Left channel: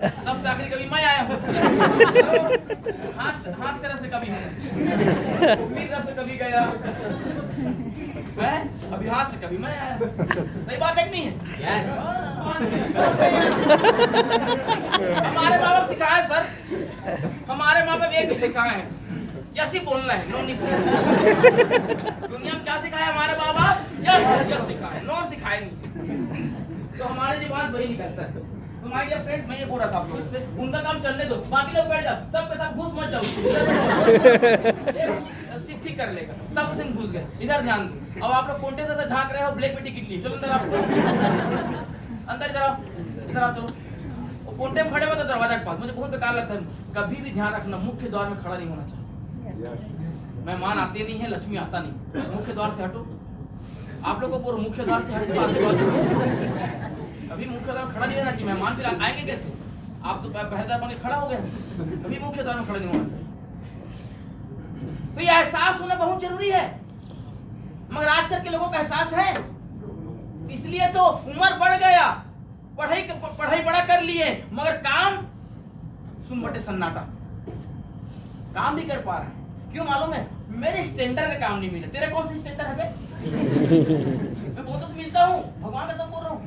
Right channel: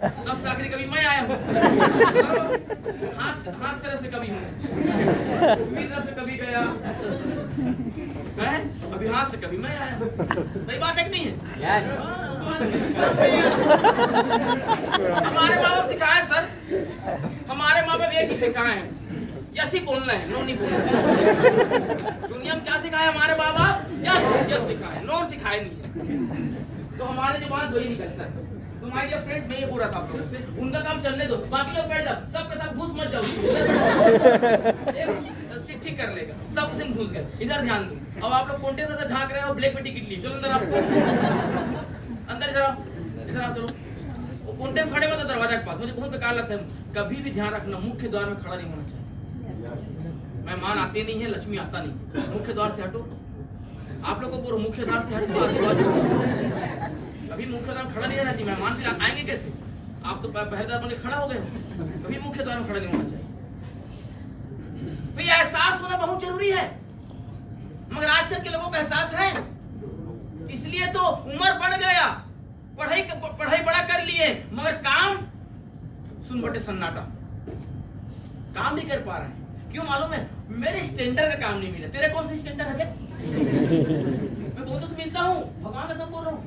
सबसे आखिरी कभी मैं आया हूँ। हाथ से कभी हूँ, उम्मीद से कभी गया है, अभी हाथ से कभी मैं आया हूँ। सही बात है कि नहीं है? हमारे माँ बाप सिखाए सर, हमारे माँ बाप एक ही सिखाए हैं, यस ही बोलना है, नो नहीं बोलना है। दुनिया में क्या सिखाया हमारे माँ बाप? यस सिखाए, नो सिखाए नहीं। तो हमारे जुबान वही नहीं करता है। तुम्हारे फ्रेंड्स मैं ये बोल रहा था आप लोगों से, उनका काम चलने दो, बाकी लोग बैठ जाओ, सबके साथ घुस मत जाओ। ठीक कर लेगा, सब सिंह घुस गए, इधर ध्यान दो। अब आप लोग फोटे से झांक रहे हो, ब्लैक में टिकट लिए, चलो अंदर आओ, अंदर जाओ, इधर आओ, चलो। वो फोटे में खड़े हो तो दरवाजा के पास, मुझे बहुत बेकार लगता है। कभी भी ध्यान रखना, मुख्य द्वार में खड़ा नहीं होना चाहिए। मेहमान आते नहीं है, लक्ष्मी आता नहीं, मुख्य द्वार से हटो। आप लोग को पूरा मुख्य द्वार से हटो, अभी मुख्य द्वार खड़ा नहीं रहना चाहिए। मेहमान फिर आएंगे कैसे? आप तो पहरेदार बन के खड़ा हो गए, अभी मुख्य द्वार में खड़ा नहीं होना चाहिए। तो ये एहसास होना बहुत जरूरी है, मगर आजकल के लोगों का एहसास है, इसलिए तो उम्र बढ़ गया, पढ़ाई बड़ा कर लिए, मगर काम सुन बटे सन्नाटा, काम भी कर पा रहे हैं। क्यों मालूम है? मेरे स्टैंडर्ड का काम नहीं मिला। तेरे कौन से स्टैंडर्ड है? मैं बहुत से मिलता हूँ, भगवान का बोल रहा हूँ।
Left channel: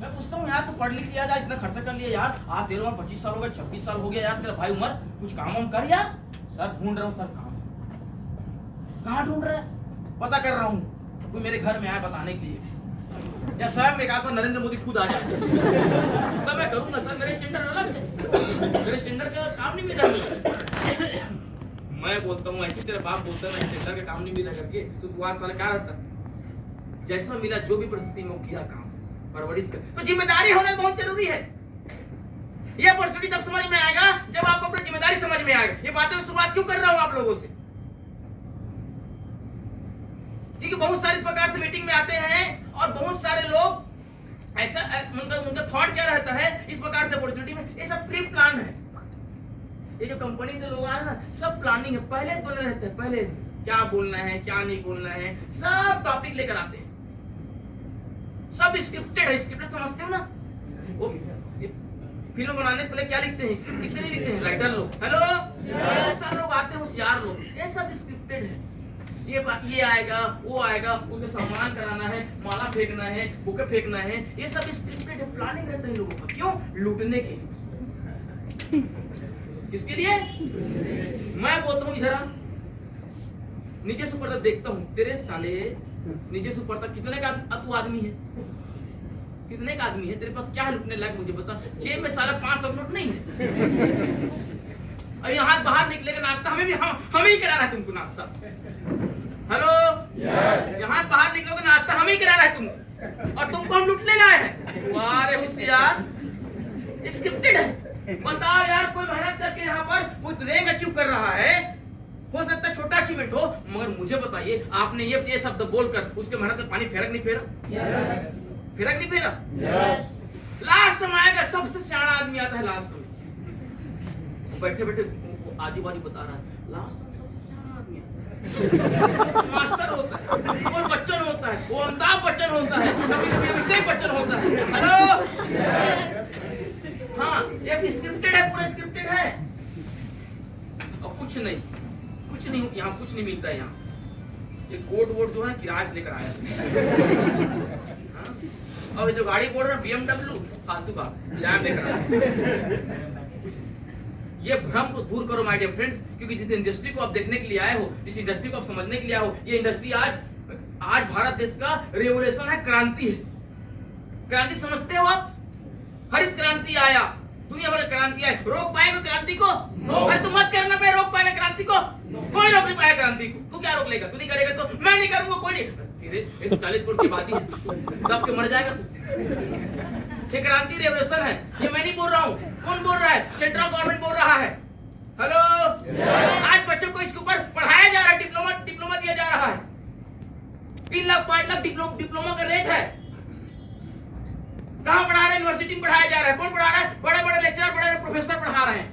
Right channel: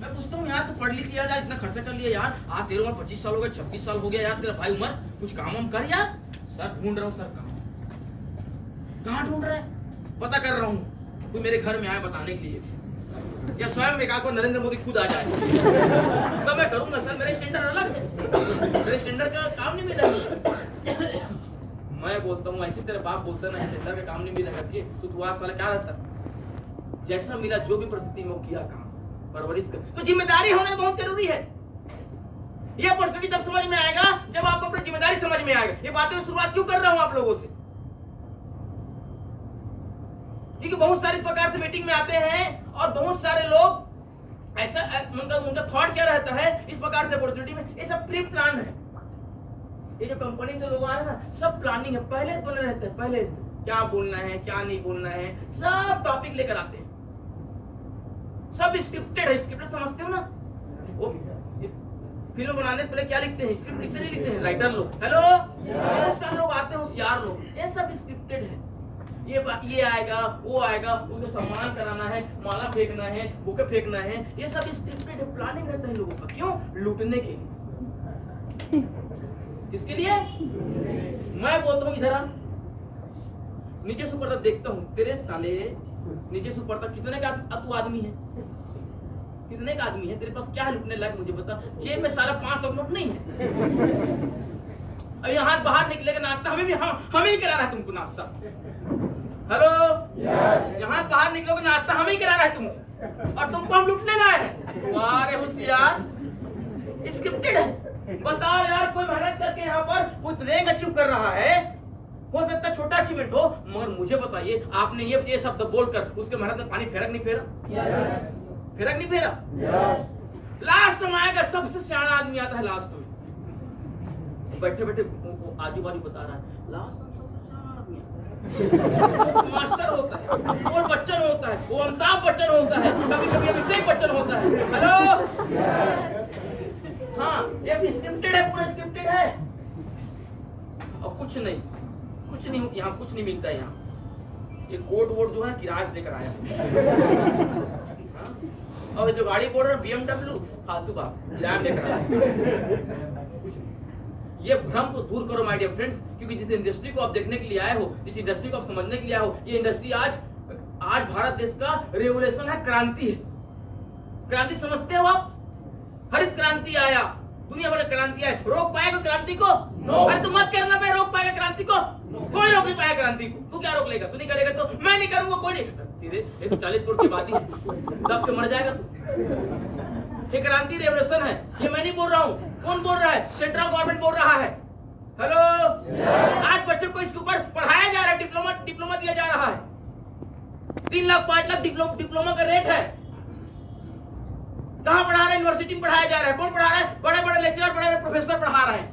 मैं पूछता हूँ यार, तू पढ़ लिख लिया, इतना खर्चा कर लिया यार, आज तेरे उम्र 25 साल हो गए, 36 साल हो गया यार, तेरा भाई उम्र, कुछ काम हम कर यार। सर ढूंढ रहा हूँ सर, काम कहाँ ढूंढ रहा है? पता कर रहा हूँ, कोई मेरे घर में आया बताने के लिए, या स्वयं एक आकर नरेंद्र मोदी खुद आ जाए तब मैं करूंगा। सर मेरे स्टैंडर्ड अलग है, मेरे स्टैंडर्ड का काम नहीं मिला। मैं बोलता हूँ ऐसे, तेरा बाप बोलता है स्टैंडर्ड का काम नहीं मिला करके, तो तू आज साल क्या रहता? जैसा मिला, जो भी परिस्थिति में किया काम, परवरिश कर। तो जिम्मेदारी होना बहुत जरूरी है। यह परिस्थिति तब समझ में आएगा जब आपको अपनी जिम्मेदारी समझ में आएगा। ये बातें शुरुआत क्यों कर रहा हूं आप लोगों से? क्योंकि बहुत सारे इस प्रकार से मीटिंग में आते हैं और बहुत सारे लोग ऐसा, उनका थॉट क्या रहता है इस प्रकार से अपॉर्चुनिटी में, ये सब प्री प्लान है। ये जो कंपनी के लोग आ रहे हैं ना, सब प्लानिंग है, पहले से बने रहते हैं, पहले से क्या बोलना है क्या नहीं बोलना है, सब टॉपिक लेकर आते हैं, सब स्क्रिप्टेड है। स्क्रिप्टेड समझते हो ना? वो फिल्म बनाने से पहले क्या लिखते हैं? स्क्रिप्ट कितने नहीं लिखते हैं राइटर लोग। हेलो, बहुत सारे लोग आते हैं, होशियार लोग, ये सब स्क्रिप्टेड है। ये आएगा, वो आएगा, उनको सम्मान कराना है, माला फेंकना है, बुके फेंकना है, ये सब स्क्रिप्टेड है, प्लानिंग रहता है लोगों का। क्यों? लूटने के लिए। किसके लिए? मैं बोलता हूँ इधर आ, नीचे से ऊपर तक देखता हूँ, तेरे साले नीचे से ऊपर तक कितने का तू आदमी है? कितने का आदमी है? तेरे पास क्या है लूटने लायक? मुझे बता। जेब में सारा 500 नोट नहीं है। और यहाँ बाहर निकले का नाश्ता हमें ही कराना है तुमको नाश्ता। हेलो, यहाँ बाहर निकलोगे नाश्ता हमें ही कराना है तुमको, और तुमको हम लूटने लाए हैं। वाह रे होशियार, स्क्रिप्टेड है। बताओ यार, कोई मेहनत करके यहाँ पर कोई रैंक अचीव कर रहा है, हो सकता है छोटा अचीवमेंट हो, मगर मुझे बताइए आपने ये शब्द बोलकर उसके मेहनत में पानी फेरक नहीं फेरा? फेरक नहीं फेरा? लास्ट में आएगा, सबसे सियाना आदमी आता है लास्ट में, बैठे बैठे आजू बाजू बता रहा है, लास्ट में सबसे सियाना आदमी है। मास्टर होता है, वो बच्चन होता है, वो अमिताभ बच्चन होता है, कभी कभी अभिषेक बच्चन होता है। हेलो, हाँ, ये स्क्रिप्टेड है, पूरा स्क्रिप्टेड है। और कुछ नहीं, यहाँ कुछ नहीं मिलता है। यहाँ ये कोट वोट जो है किराए से लेकर आया। और जो गाड़ी बोल रहा है BMW, फालतू बात, किराया लेकर आया। ये भ्रम को दूर करो माय डियर फ्रेंड्स, क्योंकि जिस इंडस्ट्री को आप देखने के लिए आए हो, जिस इंडस्ट्री को आप समझने के लिए आए हो, ये इंडस्ट्री आज भारत देश का रेवोल्यूशन है, क्रांति है। क्रांति समझते हो आप? हरित क्रांति आया, दुनिया भर क्रांति आई, रोक पाएगा क्रांति को? अरे तू मत करना भाई, रोक पाएगा क्रांति को? कोई रोक नहीं पाएगा क्रांति को। तू क्या रोक लेगा? तू नहीं करेगा तो मैं नहीं करूंगा, कोई नहीं। 140 करोड़ की आबादी है, दब के मर जाएगा तू। ये क्रांति रेवोल्यूशन है, ये मैं नहीं बोल रहा हूँ। कौन बोल रहा है? सेंट्रल गवर्नमेंट बोल रहा है। हेलो, आज बच्चों को इसके ऊपर पढ़ाया जा रहा है, डिप्लोमा दिया जा रहा है। 3 लाख 5 लाख डिप्लोमा का रेट है। कहाँ पढ़ा रहा है? यूनिवर्सिटी में पढ़ाया जा रहा है। कौन पढ़ा रहा है? बड़े बड़े लेक्चरर, बड़े प्रोफेसर पढ़ा रहे हैं।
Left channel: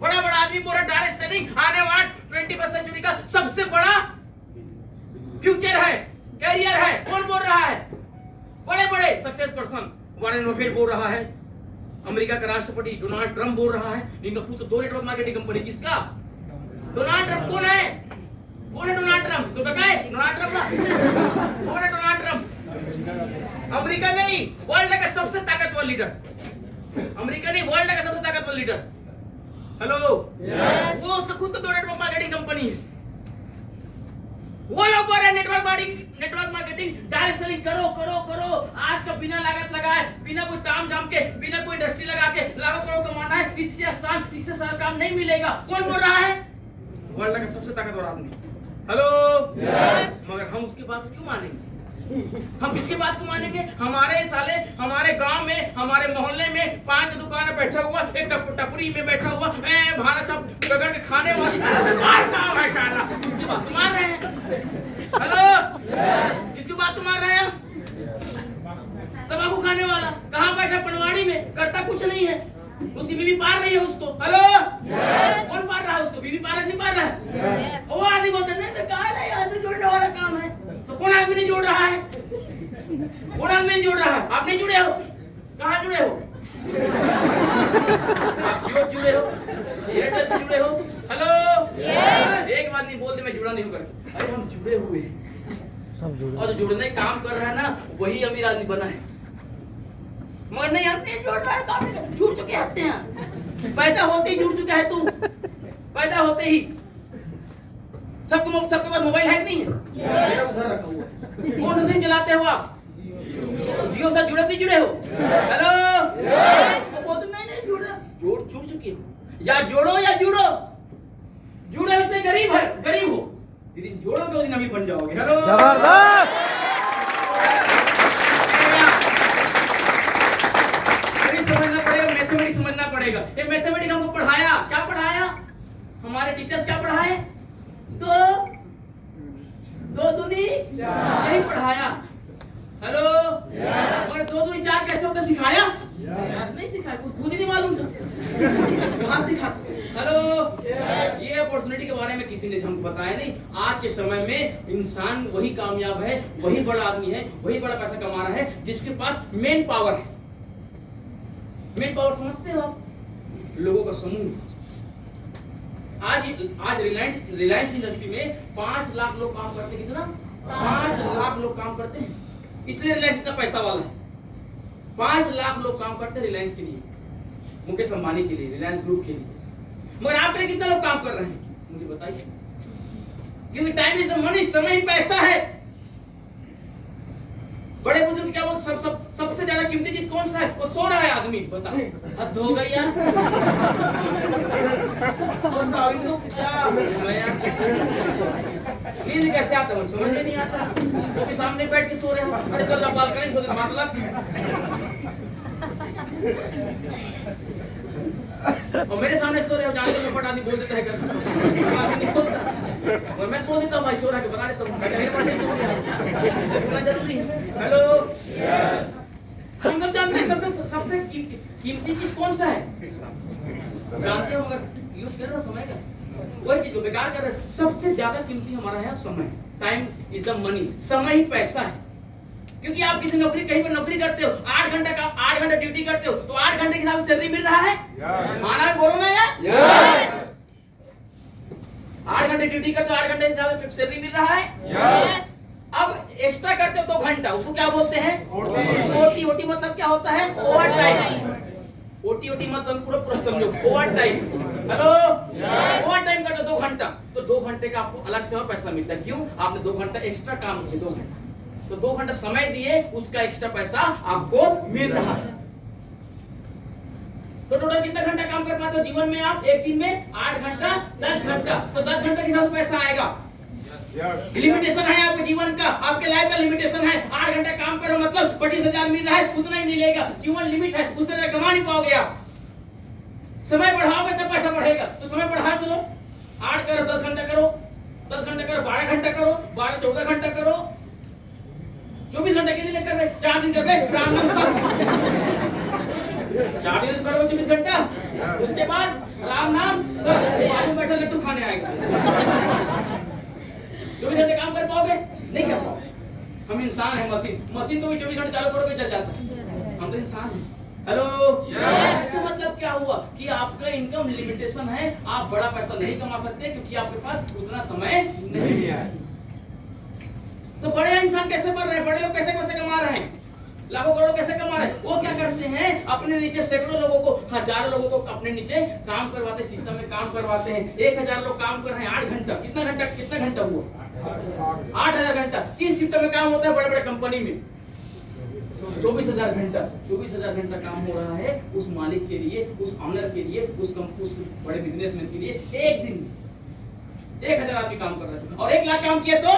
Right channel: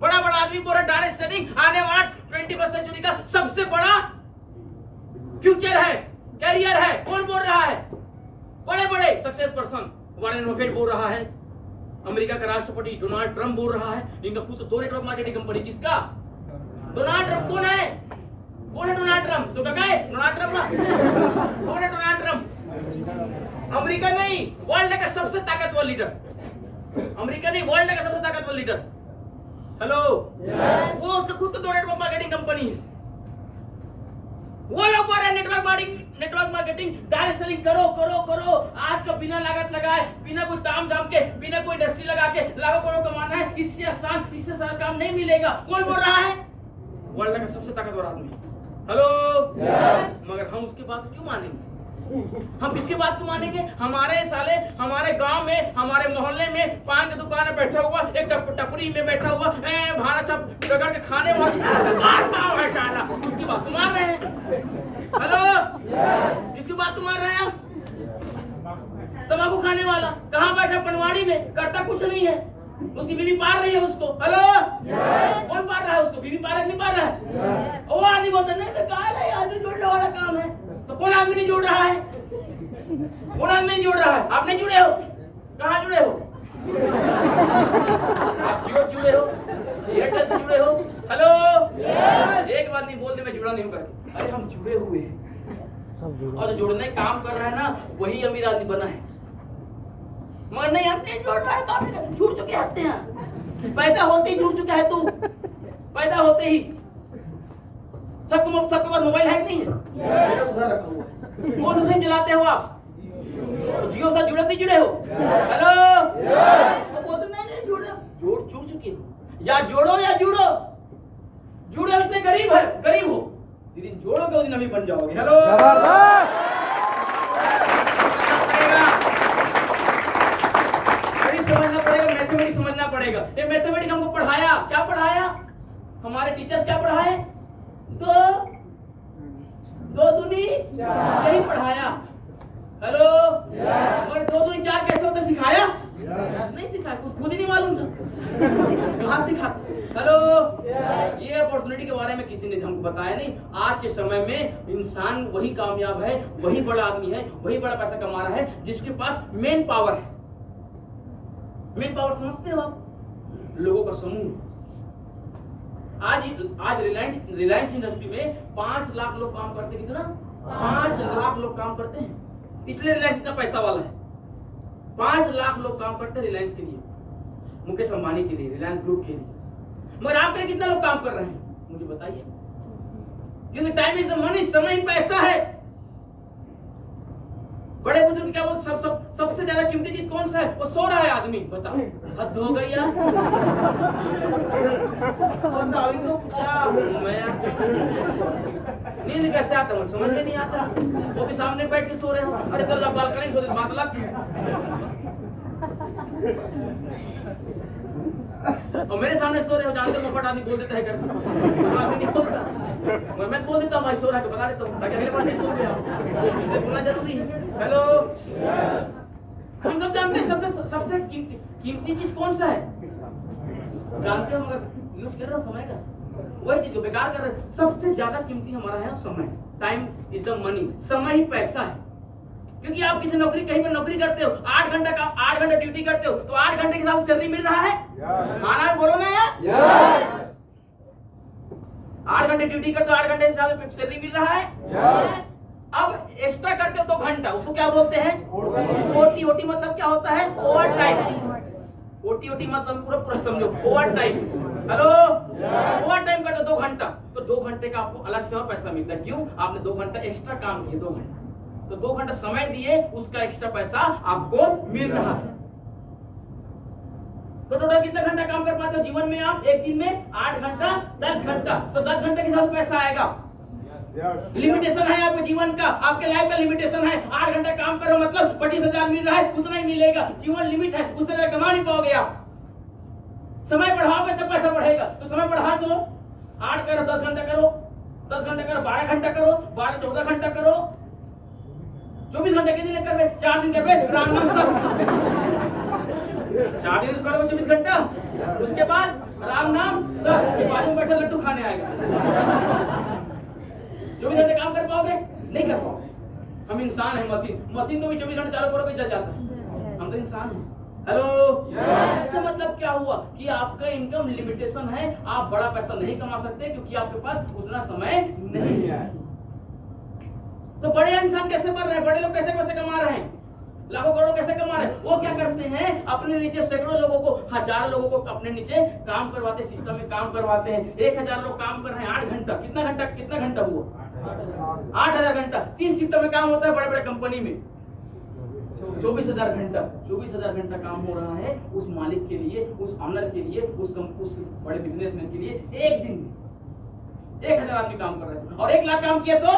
बड़ा बड़ा आदमी बोल रहा है डायरेक्ट सेलिंग आने वाला 21वीं सेंचुरी का सबसे बड़ा फ्यूचर है, कैरियर है। कौन बोल रहा है? बड़े बड़े सक्सेस पर्सन, वॉरेन बफेट बोल रहा है। अमेरिका का राष्ट्रपति डोनाल्ड ट्रंप बोल रहा है इनका खुद तो 2 नेटवर्क मार्केटिंग कंपनी। किसका? Donald Trump. कौन है डोनाल्ड ट्रंप? तो डका है डोनाल्ड ट्रंप ना? कौन है डोनाल्ड ट्रंप? अमेरिका नहीं, वर्ल्ड का सबसे ताकतवर लीडर। अमेरिका नहीं, वर्ल्ड का सबसे ताकतवर लीडर। हेलो, वो उसका खुद तो 2 नेटवर्क मार्केटिंग कंपनी है। वो लोग बोल रहे हैं नेटवर्क मार्केटिंग डायरेक्ट सेलिंग करो। आज का बिना लागत लगाए, बिना कोई ताम झाम के, बिना कोई इंडस्ट्री लगा के लाखों करोड़ कमाना है। इससे आसान, इससे सरल काम नहीं मिलेगा। कौन बोल रहा है? वर्ल्ड का सबसे ताकतवर आदमी। हेलो, मगर हम उसकी बात क्यों मानेंगे? हम किसकी बात को मानेंगे? हमारे गांव में, हमारे मोहल्ले में पान की दुकान में बैठा हुआ एक टपरी में बैठा हुआ भारत सब रगड़ के खाने वाला है साला, उसकी बात तो मार रहे हैं। हेलो, किसकी बात तो मार रहे हैं? तंबाकू खाने वाला कहाँ बैठा? पनवाड़ी में, करता कुछ नहीं है, उसकी बीवी पार रही है उसको। हेलो, कौन पार रहा है उसको? बीवी पार नहीं पार रहा है। वो आदमी बोलते नहीं, कहा नहीं, आदमी जोड़ने वाला काम है। तो कौन आदमी नहीं जोड़ रहा है? कौन आदमी नहीं जोड़ रहा है? आप नहीं जुड़े हो? कहाँ जुड़े हो? आप जियो जुड़े हो, एयरटेल से जुड़े हो। हेलो, एक बात नहीं बोलते मैं जुड़ा नहीं हूँ करके। अरे हम जुड़े हुए हैं, और जो जुड़ने काम कर रहा है ना, वही अमीर आदमी बना है। मगर नहीं, हम नहीं जोड़ रहा है, काम जुड़ चुके होते हैं। पैदा होते ही जुड़ चुका है तू, पैदा होते ही। सबके पास मोबाइल है कि नहीं है? उधर रखा हुआ है। कौन सा सिम चलाते हो आप? जियो से जुड़े हो? हेलो, वो बोलते नहीं जुड़ चुके हो। या जोड़ो या जुड़ो। जुड़े होते गरीब हो, दीदी जोड़ोगे उस दिन अमीर बन जाओगे। हेलो, समझना पड़ेगा, मैथमेटिक्स समझना पड़ेगा। ये मैथमेटिक्स हमको पढ़ाया, क्या पढ़ाया? हमारे टीचर्स क्या पढ़ाए? दो दूनी यही पढ़ाया। हेलो, और 2 दूनी 4 कैसे होता सिखाया? नहीं सिखाया, खुद ही नहीं मालूम था, कहाँ सिखा? हेलो, ये अपॉर्चुनिटी के बारे में किसी ने हमको बताया नहीं। आज के समय में इंसान वही कामयाब है, वही बड़ा आदमी है, वही बड़ा पैसा कमा रहा है जिसके पास मेन पावर है। मेन पावर समझते हो आप? लोगों का समूह। आज रिलायंस इंडस्ट्री में 5 लाख लोग काम करते हैं। कितना? 5 लाख लोग काम करते हैं, इसलिए रिलायंस इतना पैसा वाला है। 5 लाख लोग काम करते हैं रिलायंस के लिए, मुकेश अंबानी के लिए, रिलायंस ग्रुप के लिए। मगर आपके लिए कितना लोग काम कर रहे हैं मुझे बताइए? क्योंकि टाइम इज द मनी, समय ही पैसा है। बड़े बुजुर्ग क्या बोलते? सबसे ज्यादा कीमती चीज कौन सा है? वो सो रहा है आदमी। बता, हद हो गई यार। नींद कैसे आता मुझे समझ में नहीं आता। वो भी सामने बैठ के सो रहे हो। अरे चल बालकनी सो, बात अलग। और मेरे सामने सो रहे हो, जानते हो फट आदमी बोल देता है कर। मैं बोल देता हूँ भाई सो रहा है, बता देता हूँ मेरे पढ़ने सो रहा जरूरी है। हेलो, हम सब जानते हैं सबसे कीमती चीज कौन सा है? जानते हो, मगर यूज कर रहे हो समय का, वही चीज को बेकार कर रहे हो। सबसे ज्यादा कीमती हमारा है समय। टाइम इज द मनी, समय ही पैसा है। क्योंकि आप किसी नौकरी, कहीं पर नौकरी करते हो, 8 घंटा ड्यूटी करते हो, तो 8 घंटे के हिसाब से सैलरी मिल रहा है? माना है, बोलो ना यार। 8 घंटे ड्यूटी करते हो, 8 घंटे के हिसाब से सैलरी मिल रहा है। अब एक्स्ट्रा करते हो 2 घंटा, उसको क्या बोलते हैं? ओटी। ओटी मतलब क्या होता है? Over time. ओटी मतलब पूरा समझो, over time. Hello, over time करते 2 घंटा, तो 2 घंटे का आपको अलग से और पैसा मिलता है। क्यों? आपने 2 घंटा एक्स्ट्रा काम किया, 2 घंटा, तो 2 घंटा समय दिए, उसका एक्स्ट्रा पैसा आपको मिल रहा है। तो टोटल कितना घंटा काम कर पाते हो जीवन में आप? एक दिन में 8 घंटा, 10 घंटा, तो 10 घंटे के हिसाब से पैसा आएगा। लिमिटेशन है आपके जीवन का, आपके लाइफ का लिमिटेशन है। 8 घंटा काम करो मतलब 25,000 मिल रहा है, उतना ही मिलेगा। जीवन लिमिट है, उससे ज्यादा कमा नहीं पाओगे आप। समय बढ़ाओगे तब पैसा बढ़ेगा, तो समय बढ़ा चलो। 8 करो, 10 घंटा करो, 10 घंटा करो, 12 घंटा करो, 12-14 घंटा करो, 24 घंटे कितने दिन कर रहे? 4 दिन कर रहे, राम नाम सब 4 दिन करोगे 24 घंटा, उसके बाद राम नाम सब बाजू में बैठा लड्डू खाने आएगा। 24 घंटे काम कर पाओगे? नहीं कर पाओगे। हम इंसान है, मशीन तो भी 24 घंटे चालू करोगे जल जाता है। हम तो इंसान हैं। हेलो इसका मतलब क्या हुआ कि आपका इनकम लिमिटेशन है, आप बड़ा पैसा नहीं कमा सकते क्योंकि आपके पास उतना समय नहीं है। तो बड़े इंसान कैसे बढ़ रहे हैं, बड़े लोग कैसे कैसे कमा रहे हैं, लाखों करोड़ों कैसे कमा रहे हैं? वो क्या करते हैं, अपने नीचे सैकड़ों लोगों को, हजारों लोगों को अपने नीचे काम करवाते, सिस्टम में काम करवाते हैं। 1000 लोग काम कर रहे हैं 8 घंटा, कितना घंटा हुआ 8000 घंटा। 30 शिफ्ट में काम होता है बड़े बड़े कंपनी में। 24,000 घंटा, 24,000 घंटा काम हो रहा है उस मालिक के लिए, उस ऑनर के लिए, उस बड़े बिजनेसमैन के लिए। एक दिन 1000 आदमी काम कर रहे थे और 1 लाख काम किया तो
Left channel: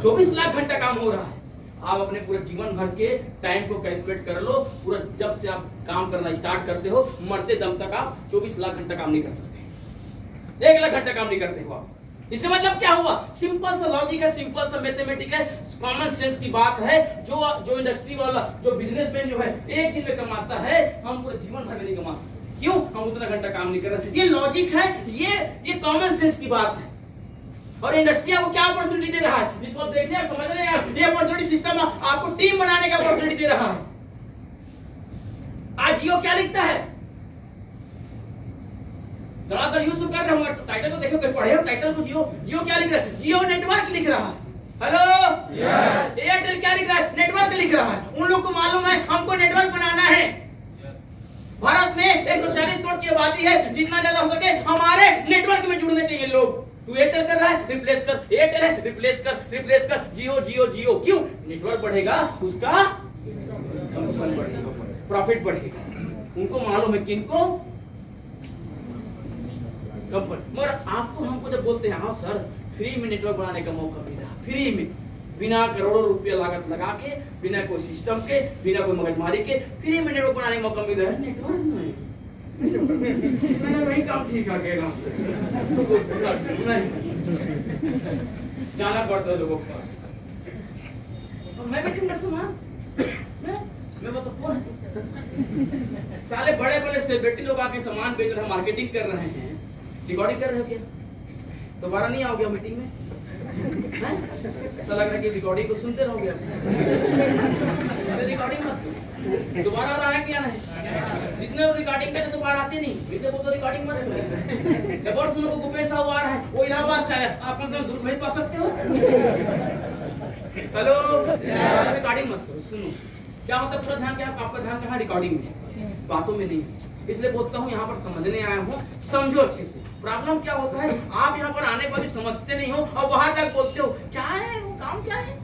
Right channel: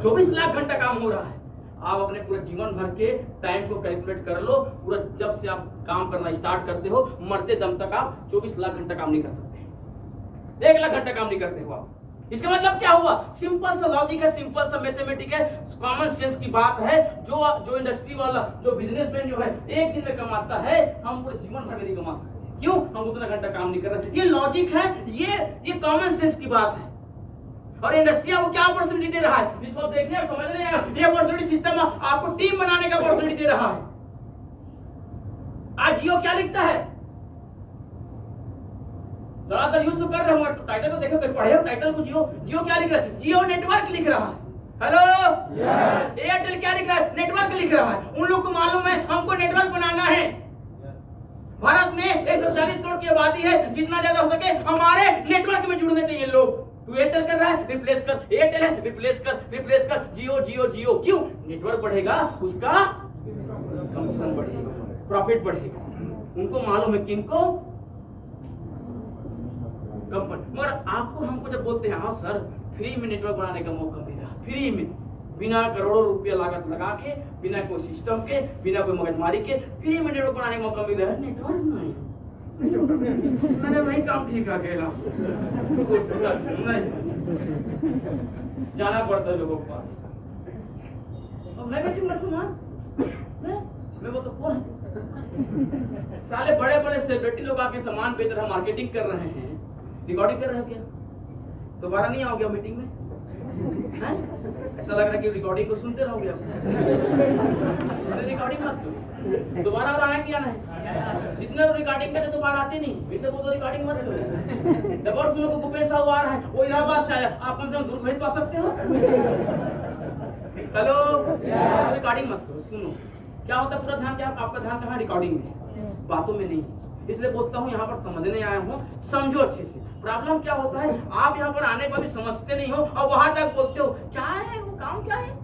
24 लाख घंटा काम हो रहा है। आप अपने पूरे जीवन भर के टाइम को कैलकुलेट कर लो, पूरा जब से आप काम करना स्टार्ट करते हो मरते दम तक आप 24 लाख घंटा काम नहीं कर सकते, 1 लाख घंटा काम नहीं करते हो आप। इसका मतलब क्या हुआ? सिंपल सा लॉजिक है, सिंपल सा मैथमेटिक है, कॉमन सेंस की बात है। जो इंडस्ट्री वाला, जो बिजनेसमैन जो है एक दिन में कमाता है, हम पूरे जीवन भर में नहीं कमा सकते। क्यों? हम उतना घंटा काम नहीं कर रहे। ये लॉजिक है, ये कॉमन सेंस की बात है। और इंडस्ट्री आपको क्या अपॉर्चुनिटी दे रहा है, इसको देखने समझ रहे हैं? ये अपॉर्चुनिटी सिस्टम आपको टीम बनाने का अपॉर्चुनिटी दे रहा है। आज जियो क्या लिखता है, ज्यादातर यूज तो कर रहे होंगे, टाइटल को देखो, पढ़े हो टाइटल को। जियो क्या लिख रहा है? जियो नेटवर्क लिख रहा है। हेलो एयरटेल क्या लिख रहा है? नेटवर्क लिख रहा है। उन लोग को मालूम है हमको नेटवर्क बनाना है। भारत में 140 करोड़ की आबादी है, जितना ज्यादा हो सके हमारे नेटवर्क में जुड़ने चाहिए लोग। तू एयरटेल कर रहा है, रिप्लेस कर। एयरटेल है, रिप्लेस कर। जियो। क्यों? नेटवर्क बढ़ेगा, उसका कमीशन बढ़ेगा, प्रॉफिट बढ़ेगा। उनको मालूम है किनको, कंपनी। मगर आपको, हमको जब बोलते हैं हाँ सर फ्री में नेटवर्क बनाने का मौका मिला, फ्री में, बिना करोड़ों रुपया लागत लगा के, बिना कोई सिस्टम के, बिना कोई मगजमारी के फ्री में नेटवर्क बनाने का मौका मिल रहा है। नेटवर्क नहीं वही काम ठीक है, जाना पड़ता है लोगों के पास। मैं तो कौन साले बड़े बड़े सेलिब्रिटी लोग आके सामान बेच रहे हैं, मार्केटिंग कर रहे हैं, रिकॉर्डिंग कर रहे हैं। क्या दोबारा नहीं आओगे मीटिंग में? ऐसा लग रहा है कि रिकॉर्डिंग को सुनते रहोगे। रिकॉर्डिंग मत दोबारा और आना क्या नहीं, जितने रिकॉर्डिंग करते तो बाहर आते नहीं, इतने तो रिकॉर्डिंग मत करो। जब और सुनो को भूपेश साहब आ रहा है, वो इलाहाबाद से आया, आप कम से कम दूर भेज तो आ सकते हो। हेलो रिकॉर्डिंग मत करो, सुनो क्या होता है। पूरा ध्यान क्या, आपका ध्यान कहाँ? रिकॉर्डिंग में, बातों में नहीं। इसलिए बोलता हूँ यहाँ पर समझने आया हूँ, समझो अच्छे से। प्रॉब्लम क्या होता है, आप यहाँ पर आने पर भी समझते नहीं हो और वहां तक बोलते हो क्या है वो काम, क्या है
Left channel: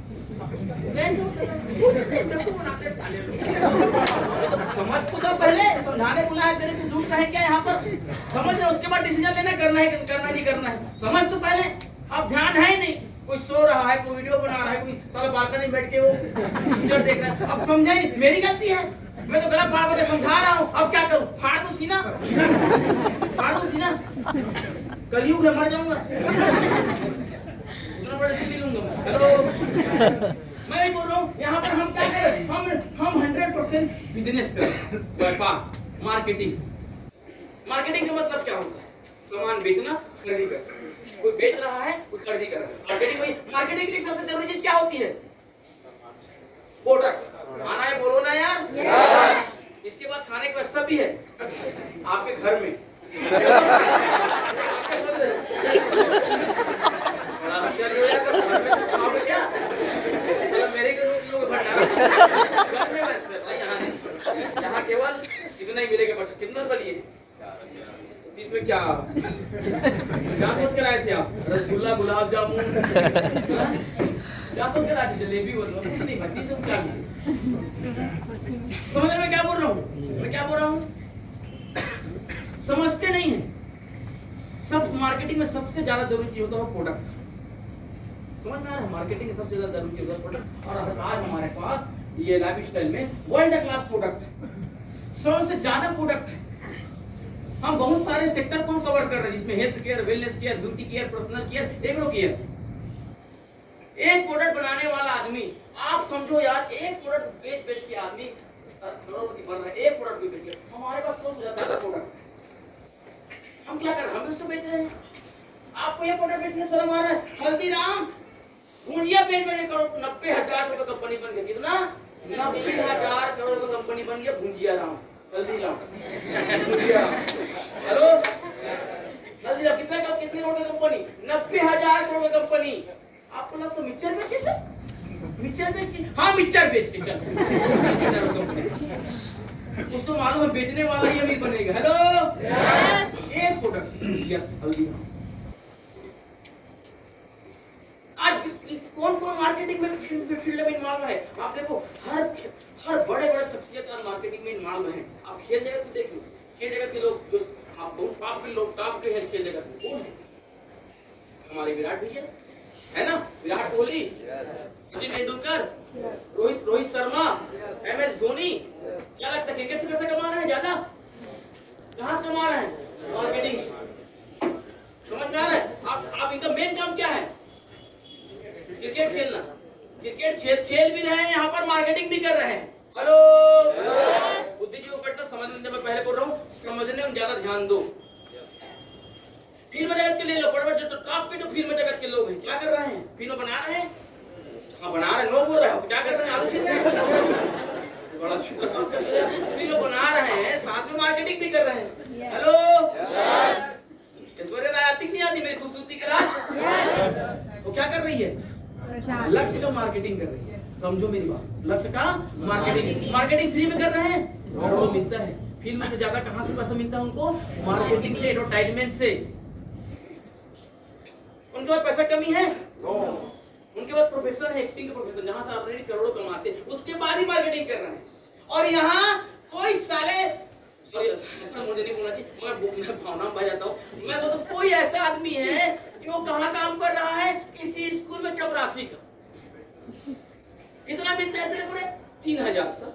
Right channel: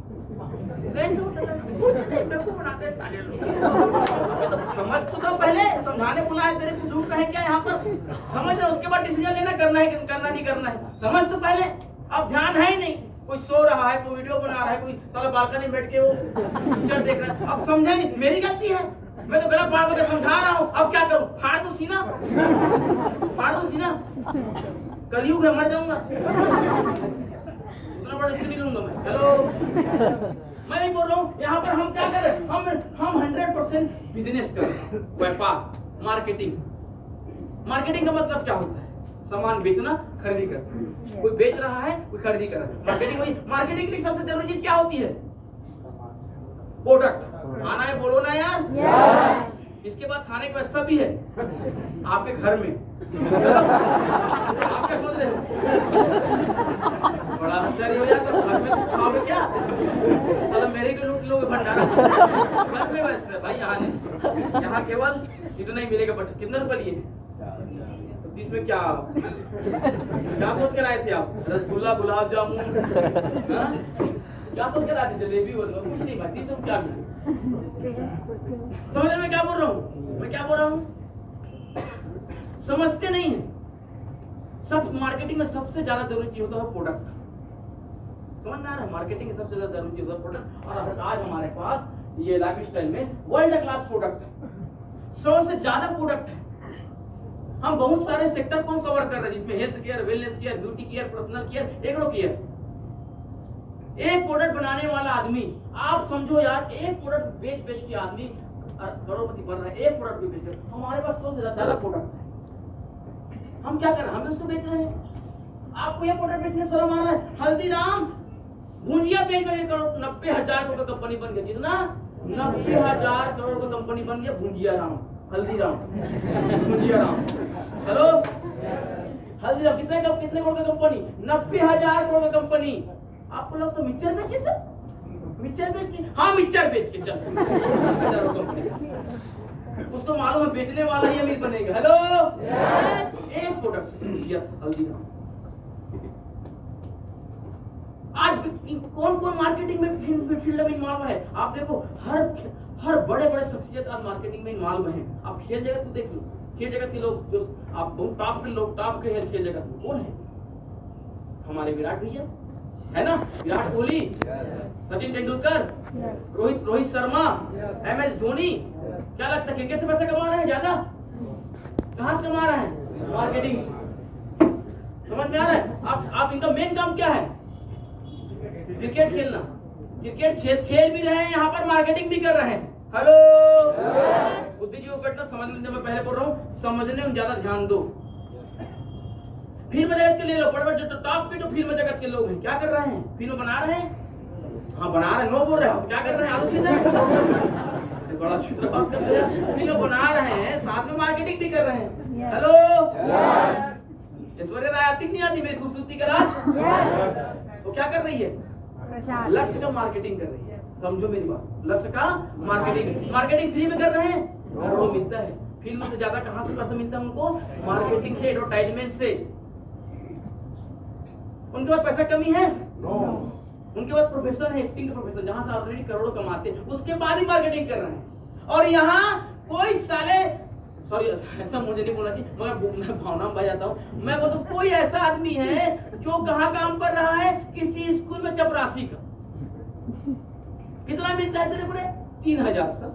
समझ तो पहले, समझाने बुला है तेरे को, ढूंढ रहे क्या यहाँ पर? समझ रहे, उसके बाद डिसीजन लेना, करना है करना नहीं करना है। समझ तो पहले, अब ध्यान है ही नहीं। कोई सो रहा है, कोई वीडियो बना रहा है, कोई साला बालकनी में बैठ के वो पिक्चर देख रहा है। अब समझा ही, मेरी गलती है, मैं तो गलत बात समझा रहा हूँ। अब क्या करूँ? फाड़ दो सीना, कलयुग है, मर जाऊंगा, उतना बड़ा सीढ़ी लूंगा मैं। हेलो मैं बोल रहा हूँ यहाँ पर हम क्या करें, हम 100% बिजनेस करें, व्यापार, मार्केटिंग का मतलब क्या होता है? सामान बेचना, खरीदी करना। कोई बेच रहा है, कोई खरीदी कर रहा है। मार्केटिंग के लिए सबसे जरूरी चीज क्या होती है? प्रोडक्ट। खाना है, बोलो ना यार। इसके बाद खाने की व्यवस्था भी है आपके घर में। क्या बोल रहे बड़ा आश्चर्य हो जाता है, घर में तो खाओगे क्या? मेरे के लोग भंडारा घर में व्यवस्था है भाई, यहाँ नहीं। यहाँ केवल इतना ही मिलेगा। कितना रुपये लिए? 30 में क्या सोच कर आए थे आप? रसगुल्ला, गुलाब जामुन, क्या सोच कर आए थे? जलेबी वगैरह कुछ नहीं भाई, सब क्या समझ रहे? मैं क्या बोल रहा हूँ? समझते नहीं है। सब मार्केटिंग में सबसे ज्यादा जरूरी चीज होता है प्रोडक्ट। समझ में आ रहा है? मार्केटिंग में सबसे ज्यादा जरूरी चीज होता है प्रोडक्ट। और आज हमारे पास ये लाइफस्टाइल में वर्ल्ड क्लास प्रोडक्ट है, 100 से ज्यादा प्रोडक्ट है। हम बहुत सारे सेक्टर को कवर कर रहे हैं, जिसमें health care, wellness care, beauty care, personal care, agro care. एक प्रोडक्ट बनाने वाला आदमी, आप समझो यार, एक प्रोडक्ट बेच के आदमी करोड़पति बन रहा है। एक प्रोडक्ट भी बेच, हमारे पास 100 से ज्यादा प्रोडक्ट है। हम क्या कर रहे हैं? हम उसको बेच रहे हैं। आपको ये प्रोडक्ट बेचने शर्म आ रहा है? हल्दीराम भुजिया बेच 90,000 रुपए कंपनी बन गई। कितना? 90,000 करोड़ का कंपनी बन गया भुंजिया राम, हल्दीराम, भुंजिया राम। हेलो, हल्दीराम कितने करोड़ का कंपनी? 90,000 करोड़ का कंपनी। आपको लगता है मिक्सचर बेच कैसे? मिक्सचर बेच के, हाँ मिक्सचर बेच के चल उसको मालूम है बेचने वाला ही अमीर बनेगा। हेलो, एक प्रोडक्ट हल्दीराम। आज कौन कौन मार्केटिंग में फील्ड में इन्वॉल्व है? आप देखो, हर बड़े बड़े शख्सियत आज मार्केटिंग में इन्वॉल्व है। आप खेल जगत को देख लो, खेल जगत के लोग जो आप बहुत टॉप के लोग, टॉप के हैं खेल जगत में, कौन है? हमारे विराट भैया है ना, विराट कोहली, सचिन तेंदुलकर, रोहित शर्मा, MS धोनी। क्या लगता है क्रिकेट से पैसा कमा रहे हैं ज्यादा? कहां से कमा रहे हैं? मार्केटिंग से। समझ में आ रहा है? आप इनका मेन काम क्या है? क्रिकेट खेलना। क्रिकेट खेल भी रहे हैं, यहाँ पर मार्केटिंग भी कर रहे हैं। हेलो, बुद्धिजीवी को समझने में पहले बोल रहा हूँ, समझने में ज्यादा ध्यान दो। फिल्म जगत के ले लो, बड़े जो टॉप के जो फिल्म जगत के लोग हैं, क्या कर रहे हैं? फिल्म बना रहे हैं। हाँ बना रहे हैं, लोग बोल रहे हो तो क्या कर रहे हैं? आलू छील रहे हैं, बड़ा फिल्म बना रहे हैं, साथ में मार्केटिंग भी कर रहे हैं। हेलो, ऐश्वर्या राय आती नहीं आती मेरी खूबसूरती का राज? तो क्या कर रही है? लक्ष्य का मार्केटिंग कर रही है। समझो मेरी बात, लक्ष्य का मार्केटिंग फ्री में कर रहे हैं, करोड़ों मिलता है। फिल्म से ज्यादा कहां से पैसा मिलता है उनको? मार्केटिंग से, एडवर्टाइजमेंट से। उनके पास पैसा कमी है? उनके पास प्रोफेशन है, एक्टिंग का प्रोफेशन, जहां से ऑलरेडी करोड़ों कमाते हैं, उसके बाद ही मार्केटिंग कर रहे हैं। और यहाँ कोई साले, सॉरी ऐसा मुझे नहीं बोलना चाहिए, मगर मैं भावना में बह जाता हूँ। मैं बोलता हूँ कोई ऐसा आदमी है जो कहाँ काम कर रहा है? किसी स्कूल में चपरासी का। कितना मिलता है तेरे पूरे? 3,000 सर।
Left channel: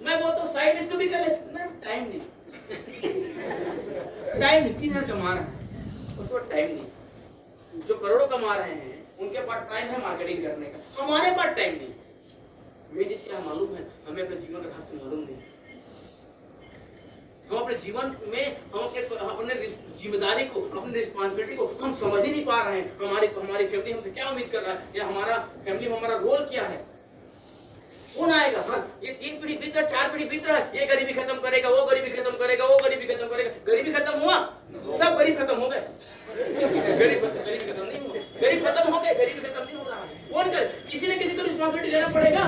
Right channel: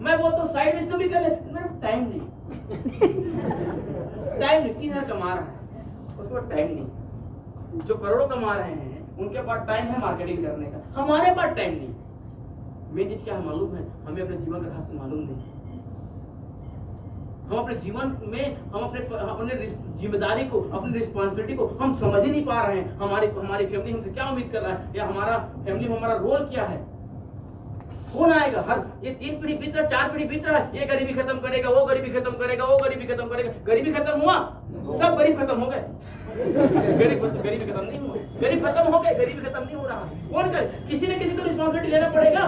मैं बोलता हूँ साइड इसको भी कर ले, टाइम नहीं 3,000 कमा रहा है, उसको टाइम नहीं। जो करोड़ों कमा रहे हैं उनके पास टाइम है मार्केटिंग करने का, हमारे पास टाइम नहीं। मेन चीज क्या है मालूम है? हमें अपने जीवन का रहस्य मालूम नहीं। हम अपने जीवन में हम अपने जिम्मेदारी को, अपनी रिस्पॉन्सिबिलिटी को हम समझ ही नहीं पा रहे हैं। हमारी फैमिली हमसे क्या उम्मीद कर रहा है, या हमारा फैमिली में हमारा रोल क्या है? कौन आएगा? हर ये 3 पीढ़ी बीत रहा, 4 पीढ़ी बीत रहा है, ये गरीबी खत्म करेगा, वो गरीबी खत्म करेगा, वो गरीबी खत्म करेगा। गरीबी खत्म हुआ? सब गरीब खत्म हो गए। गरीबी खत्म नहीं हुआ, गरीब खत्म हो गए, गरीबी खत्म नहीं हो रहा है। कौन करे? किसी न किसी को रिस्पॉन्सिबिलिटी लेना पड़ेगा।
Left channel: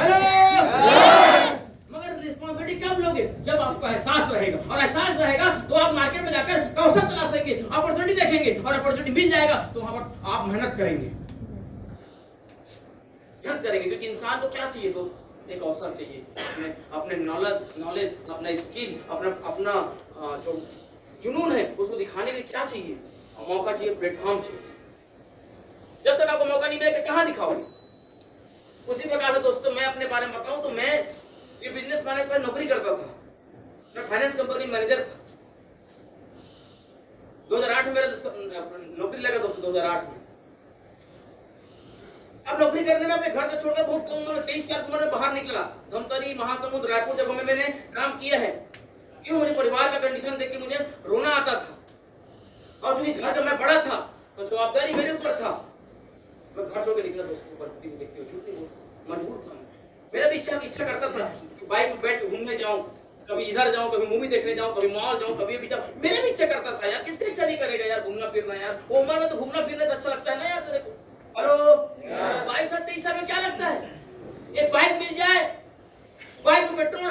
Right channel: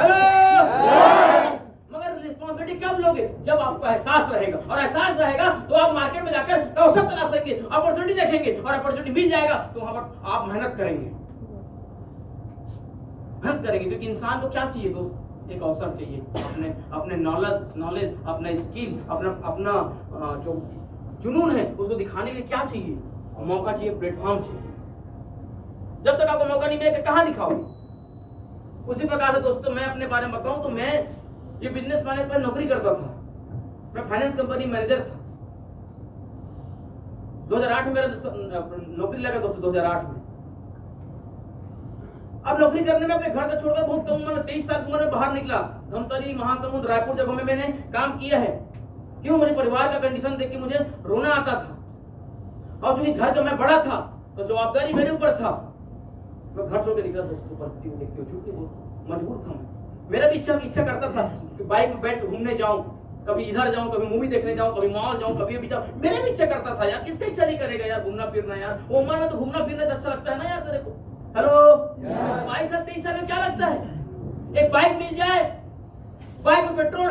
हेलो, मगर रिस्पॉन्सिबिलिटी कब लोगे? जब आपको एहसास रहेगा, और एहसास रहेगा तो आप मार्केट में जाकर अवसर तलाशेंगे, अपॉर्चुनिटी देखेंगे, और अपॉर्चुनिटी मिल जाएगा तो वहां पर आप मेहनत करेंगे, क्योंकि इंसान को क्या चाहिए दोस्त? एक अवसर चाहिए, अपने नॉलेज, अपना स्किल, अपना जो जुनून है उसको दिखाने के लिए क्या चाहिए? मौका चाहिए, प्लेटफॉर्म चाहिए। जब तक आपको मौका नहीं मिलेगा कहां दिखाओगे? उसी प्रकार से दोस्तों, मैं अपने बारे में बताऊं तो मैं ये बिजनेस मैनेजर पर नौकरी करता था। मैं फाइनेंस कंपनी मैनेजर था। 2008 में मेरा नौकरी लगा दोस्तों, 2008 में। अब नौकरी करने में अपने घर से छोड़कर बहुत कम उम्र में, 23 साल की उम्र में बाहर निकला। धमतरी, महासमुंद, रायपुर जगहों में मैंने काम किया है। क्यों? मुझे परिवार का कंडीशन देख के मुझे रोना आता था, और क्योंकि घर का मैं बड़ा था तो जवाबदारी मेरे ऊपर था। मैं घर छोड़ के निकला दोस्तों, परिस्थिति को देखते हुए, झूठ नहीं बोलता, मजबूर था मैं। मेरा भी इच्छा करता था कि बाइक में बैठ घूमने जाऊं, कभी इधर जाऊं, कभी मूवी देखने जाऊं, कभी मॉल जाऊं, कभी भी जाऊं। मेरा भी इच्छा करता था यार, किसका इच्छा नहीं करेगा यार घूमना फिरना? यार वो उम्र में तो घूमना फिरना अच्छा लगता है ना यार तेरे को। हेलो, 22 साल 23 साल में क्या लगता है? एक बाइक मिल जाए, बाइक में पेट्रोल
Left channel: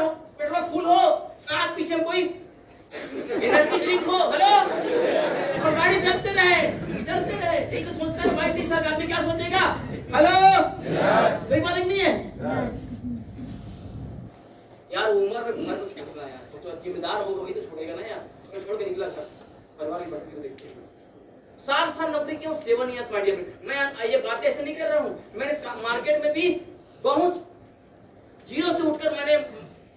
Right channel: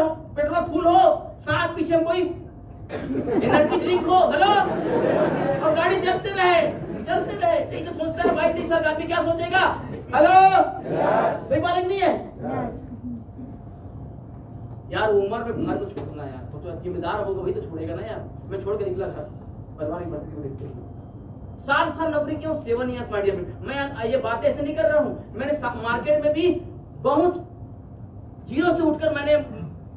फुल हो, साथ पीछे में कोई एनर्जी ड्रिंक हो, हेलो, और गाड़ी चलते रहे। यही तो सोचता है 22-23 साल का आदमी, क्या सोचेगा? हेलो, कोई बात नहीं है यार। उम्र में घर को छोड़ना यार, सोचो जिम्मेदार होगा वही तो छोड़ेगा ना यार। मैं छोड़ के निकला घर, परिवार की परिस्थिति को देखते हुए। 7 साल नौकरी क्यों? 7 ईयर्स माय डियर फ्रेंड। मैं ये बातें ऐसे नहीं कर रहा हूँ। मैंने मार्केट में भी बहुत जीरो से उठकर मैंने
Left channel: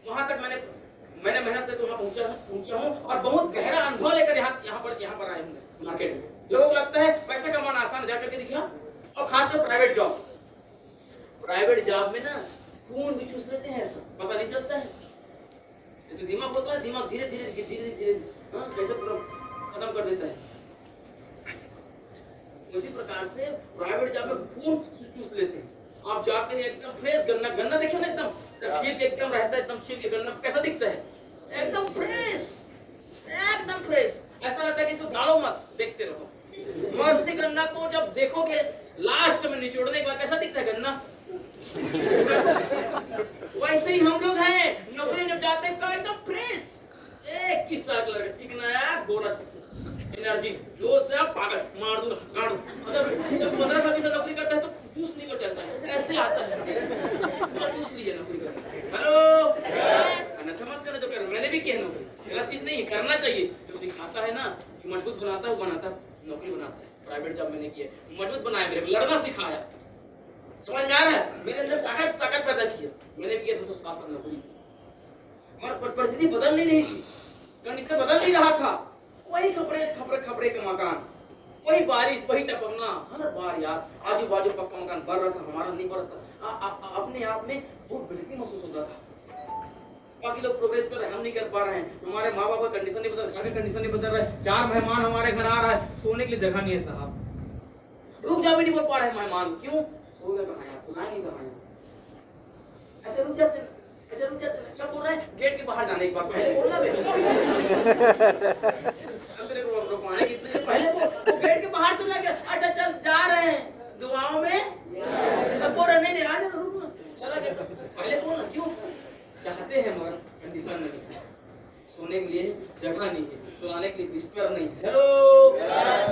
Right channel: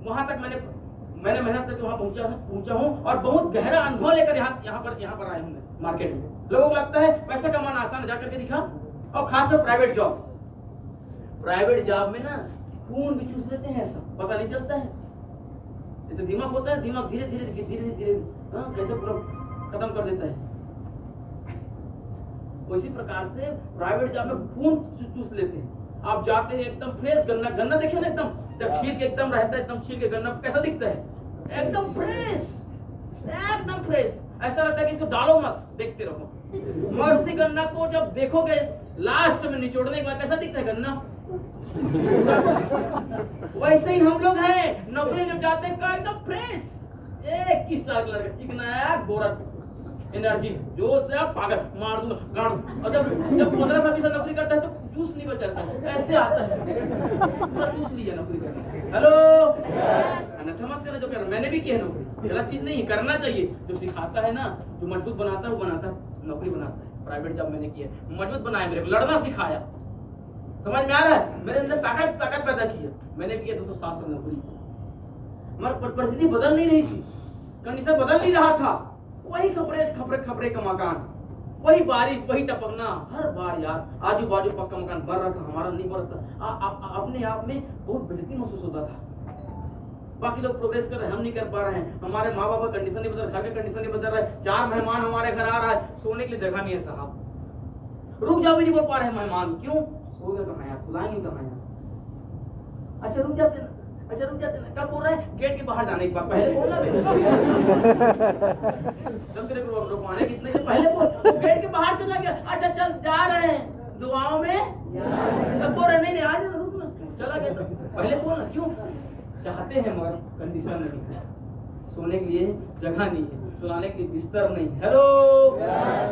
वहां तक मैंने मेहनत करके वहां पहुंचा हूं, और बहुत गहरा अनुभव लेकर यहाँ पर आए हूँ मार्केट में। लोगों को लगता है पैसा कमाना आसान है, जाकर के दिखा। और खासकर प्राइवेट जॉब में ना खून भी चूस लेते हैं, ऐसा पता नहीं चलता है। जैसे दिमाग होता है, दिमाग धीरे धीरे कैसे पूरा खत्म कर देता है। उसी प्रकार से प्राइवेट जॉब में खून चूस लेते हैं। आप जाते हैं एकदम फ्रेश गन्ना, गन्ना देखिए ना एकदम छील के एकदम रहता है, एकदम छील के गन्ना कैसा दिखता है, एकदम फ्रेश, एकदम फ्रेश। ऐसा लगता है कि इसको डालो मत, देखते रहो। मगर उसी गन्ना को जब देखोगे लास्ट में निचोड़ने के बाद कैसा दिखता है गन्ना। वैसे ही हम लोग हैं, नौकरी जब जाते हैं एकदम फ्रेश, एक ही सा कलर का चिकना गोरा एनर्जी जो से आप पागल मार दूंगा गाड़ दूं। और जब 15 साल की नौकरी करता है तो जूस नहीं बचाता, ऐसे आता है पूरा जूस लिया नौकरी करने। हेलो अन्यथा मत करना जो कर, मैंने भी किया है नौकरी, गलत चीज नहीं, करना चाहिए। जो सिखाता है ना, जो मजबूत बनाता है वो बनाता है, नौकरी बनाता है। प्राइवेट जॉब मैंने किया, मजबूत बनाया, मेरे को लड़ना सिखाया, समझ में आ रहा है, मेरे अंदर ताकत पैदा किया। मैंने किया 207 साल नौकरी, मगर परिस्थिति बदल नहीं रही थी, कंडीशन बदल नहीं रहा था। वही खपरे का मकान, वही बारिश, वही टपकना हर बार यार। आजू बाजू पक्का मकान बन रहा था, हमारा नहीं बन रहा था। अपने आप में बहुत बेइज्जती महसूस होता था। बाकी लोग प्रोग्रेस कर रहे हैं, हम नहीं कर पा रहे हैं। हमारे माँ बाप का कंडीशन नहीं बदल रहा, घर का कंडीशन नहीं बदल रहा है। 4 मेहमान हमारे घर आ रहा है, सोने के लिए जगह नहीं है साहब, रुक जाओ भी नहीं बोल पा रहे मेहमान, क्यों? सोएगा कहाँ यार, सुलाए नहीं कहाँ यार। अच्छा रुक जाते ना, कब बोल रहे हैं? गेट के बाहर जाने के बाद, पहले बोलना बे रुकवाने कितने पहले बोल, गेट के बाहर चला गया, अच्छा चल जा रहे हैं दुआओं में, तब बोल रहे नहीं आ जा, रुकना, चला गया पहले बोलना, क्यों? चाहते हैं मगर कंडीशन नहीं है, सोने के लिए जगह नहीं है, सुलाने के लिए बिस्तर नहीं। हेलो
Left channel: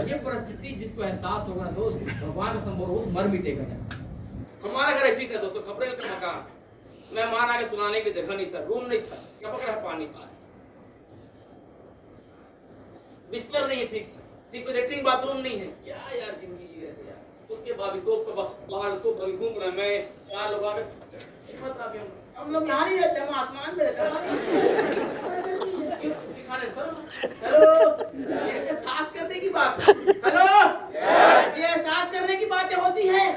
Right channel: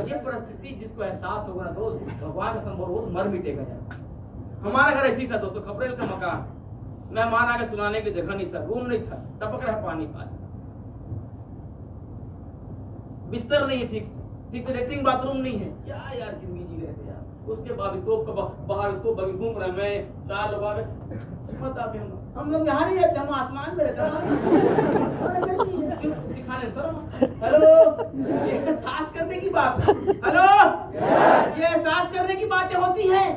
ये परिस्थिति जिसको एहसास होगा दोस्त, भगवान का संभव हो मर मिटेगा यार। हमारा घर ऐसी था दोस्तों, खपरेल का मकान, मेहमान आके सुलाने की जगह नहीं था, रूम नहीं था, टपक रहा पानी पानी, बिस्तर नहीं है ठीक से लेटरिन बाथरूम नहीं है, क्या यार जिंदगी जी रहे थे यार। उसके बाद भी तो बाहर तो घूम रहे, मैं 4 लोग आगे, पता भी हम लोग यहाँ नहीं रहते, हम आसमान में रहते हैं। हेलो ये एहसास करने की बात, हेलो ये एहसास करने की बातें होती हैं।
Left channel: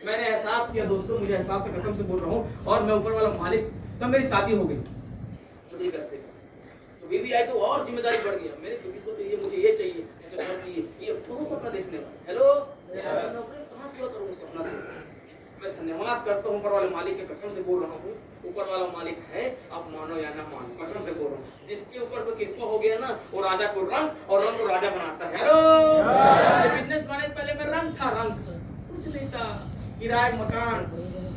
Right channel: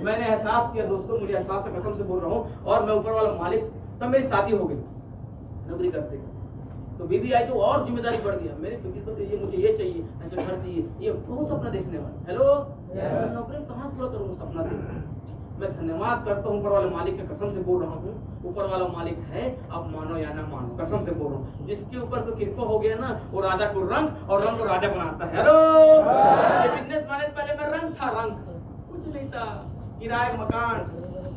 मैंने एहसास किया दोस्तों, मुझे एहसास है, कसम से बोल रहा हूँ। और मैं ऊपर वाला मालिक, तब मेरी शादी हो गई नौकरी करते, तो बीवी आई तो और जिम्मेदारी बढ़ गया। मेरी बीवी को चाहिए, मुझे ये चाहिए, ऐसे घर चाहिए, ये बहुत सपना देखने वाला। हेलो नौकरी कहाँ पूरा करूँ सपना देख। मैं धन्यवाद करता हूँ ऊपर वाले मालिक के, कसम से बोल रहा हूँ। ऊपर वाला मालिक है, आप मानो या ना मानो, कसम से बोल रहा हूँ। जिसके ऊपर से कृपा हो गया ना, वो राजा को रंग और रंग को राजा बनाता है। हेलो बिजनेस मैनेज पहले मैं रंग था, रंग कुछ नहीं था, किराए मकान,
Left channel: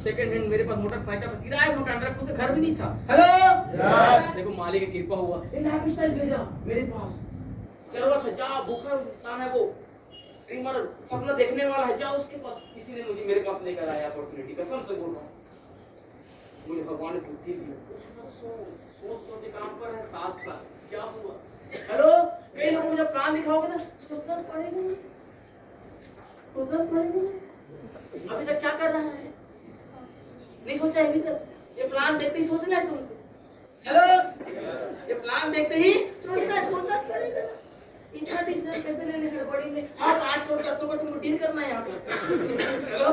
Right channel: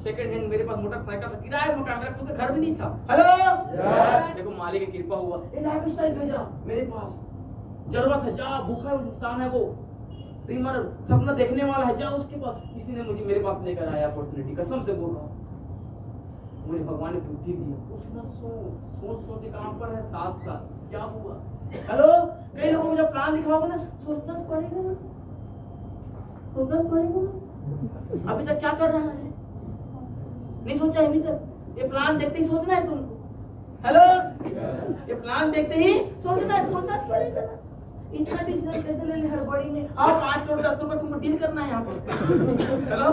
सेकंड हैंड, मेरे पास मोटरसाइकिल था, किराए मकान, मेरा खुद घर भी नहीं था। हेलो देखो मालिक की कृपा हुआ, ये लाइफस्टाइल भेजा मेरे पास, जरूरत है जा, भूखा इंसान है वो, ड्रीमर सपना देखने वाला है, जा उसके पास। किसी ने मुझे मेरे पास लेकर आया अपॉर्चुनिटी, कसम से बोल रहा हूँ। मुझे भगवान ने बुद्धि दी, सोच काम पर है 7 साल, क्या हुआ? हेलो कई लोगों को जब प्लान दिखाओगे ना, सोचना पड़ेगा, अभी तक क्या कर रहा है, नहीं सोचा अभी तक। ये प्लान देखते ही सोचना है तुमको। हेलो ये प्लान देखते ही सोचना पड़ेगा ना। इतना डिसीजन कैसे ले ले हड़बड़ी में? और 5 करोड़ 10 करोड़ तुमको डील करना है यहाँ पर। हेलो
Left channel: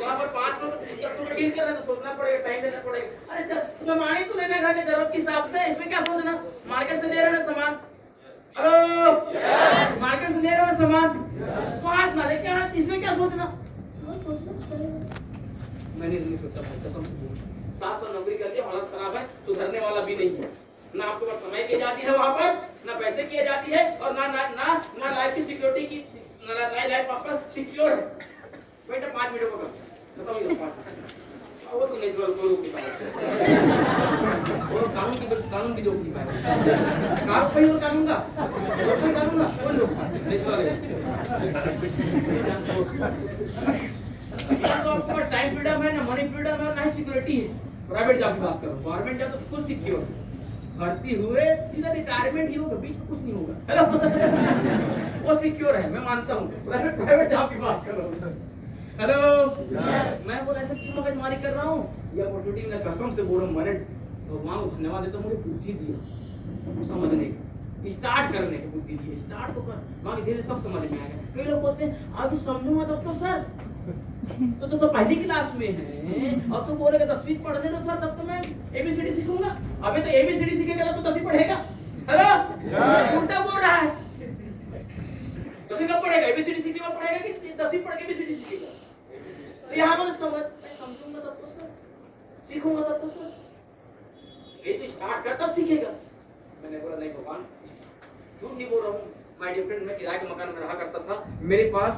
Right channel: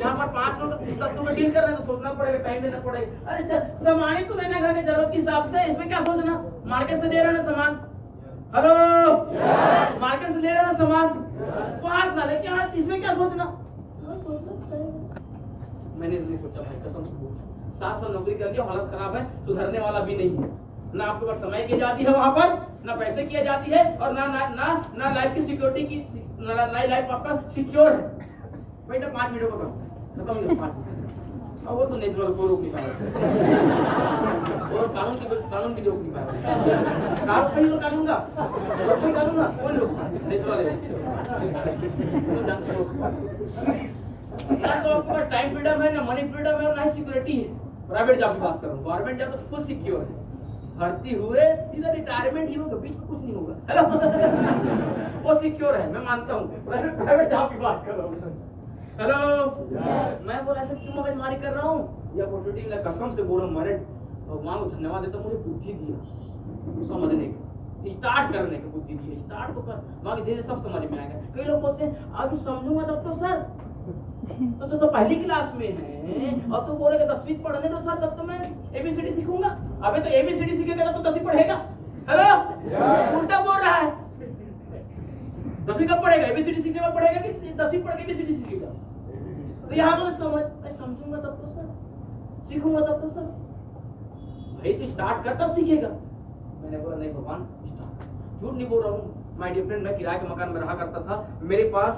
यहाँ पर 5 करोड़ 10 करोड़ डील करना है तो सोचना पड़ेगा, टाइम देना पड़ेगा। अरे सामान ही तो लेना घर के जरूरत के हिसाब से, इसमें क्या सोचना? मार्केट से ले रहे ना सामान, हेलो मार्केट से ले रहे हैं सामान, 5 ना लेके आज, इसमें क्या सोचना? मैंने नहीं सोचा भाई, कसम से 7 साल नौकरी कर लिया, हालत खराब है, सुधरने वाला भी नहीं है। ना आपके पास समय की आजादी है वहां पर, ना पैसे की आजादी है, और ना ना ना ना लाइफ की सिक्योरिटी की, ना लाइफ आपका सिक्योर है। बेटा 5 मिनट होगा खत्म ही 5 मिनट, वो तो नेचुरल को रोक नहीं पाएगा, और कानून की रोक नहीं पाएगा, कानून का कौन रोकता? नेचुरल तो आपका टाइम फ्रीडम है, ना मनी फ्रीडम है, और ना ही सिक्योरिटी है। प्राइवेट जॉब की बात करूं, गवर्नमेंट जॉब तो खुद सिक्योर है, भर्ती हुए सीधा रिटायरमेंट ही होगा, बीच में कुछ नहीं होगा। हेलो वो सिक्योर है, मैं मानता हूँ। प्राइवेट जॉब की बात कर रहा हूँ। हेलो मैं बोला ऐसा क्यों मगजमारी कर रहा हूँ? ये अपॉर्चुनिटी मैं कसम से बोल रहा हूँ, मैंने भगवान को धन्यवाद देता हूँ, मुझे बुद्धि दी समझने की, स्टार्ट करने की बुद्धि दी। स्टार्ट तो कर, बाकी धीरे सब समझ में आएगा। कई लोग बोलते हैं अभी समझूंगा तब तो सर, तो पहली क्लास में है और तू बोलेगा 10वीं पढ़ने दो सर, तब तो मैं ABCD सीखूंगा। अबे तो ABCD सीखेगा तब तो 10वीं पढ़ेगा। हेलो उल्टा बोल रहा है, 10वीं कब पढ़ेगा? ABCD सीखेगा पढ़ेगा कि 10वीं पढ़ के ABCD सीखेगा? तो यहाँ पर सीखूंगा तब तो सर। भाई तो स्टार्ट कर तब सीखेगा। मैंने बोला नहीं भगवान स्टार्ट। झूठ नहीं बोल रहा हूँ, माय डियर फ्रेंड, मैं किराए के मकान में रहा करता था। मेरे पास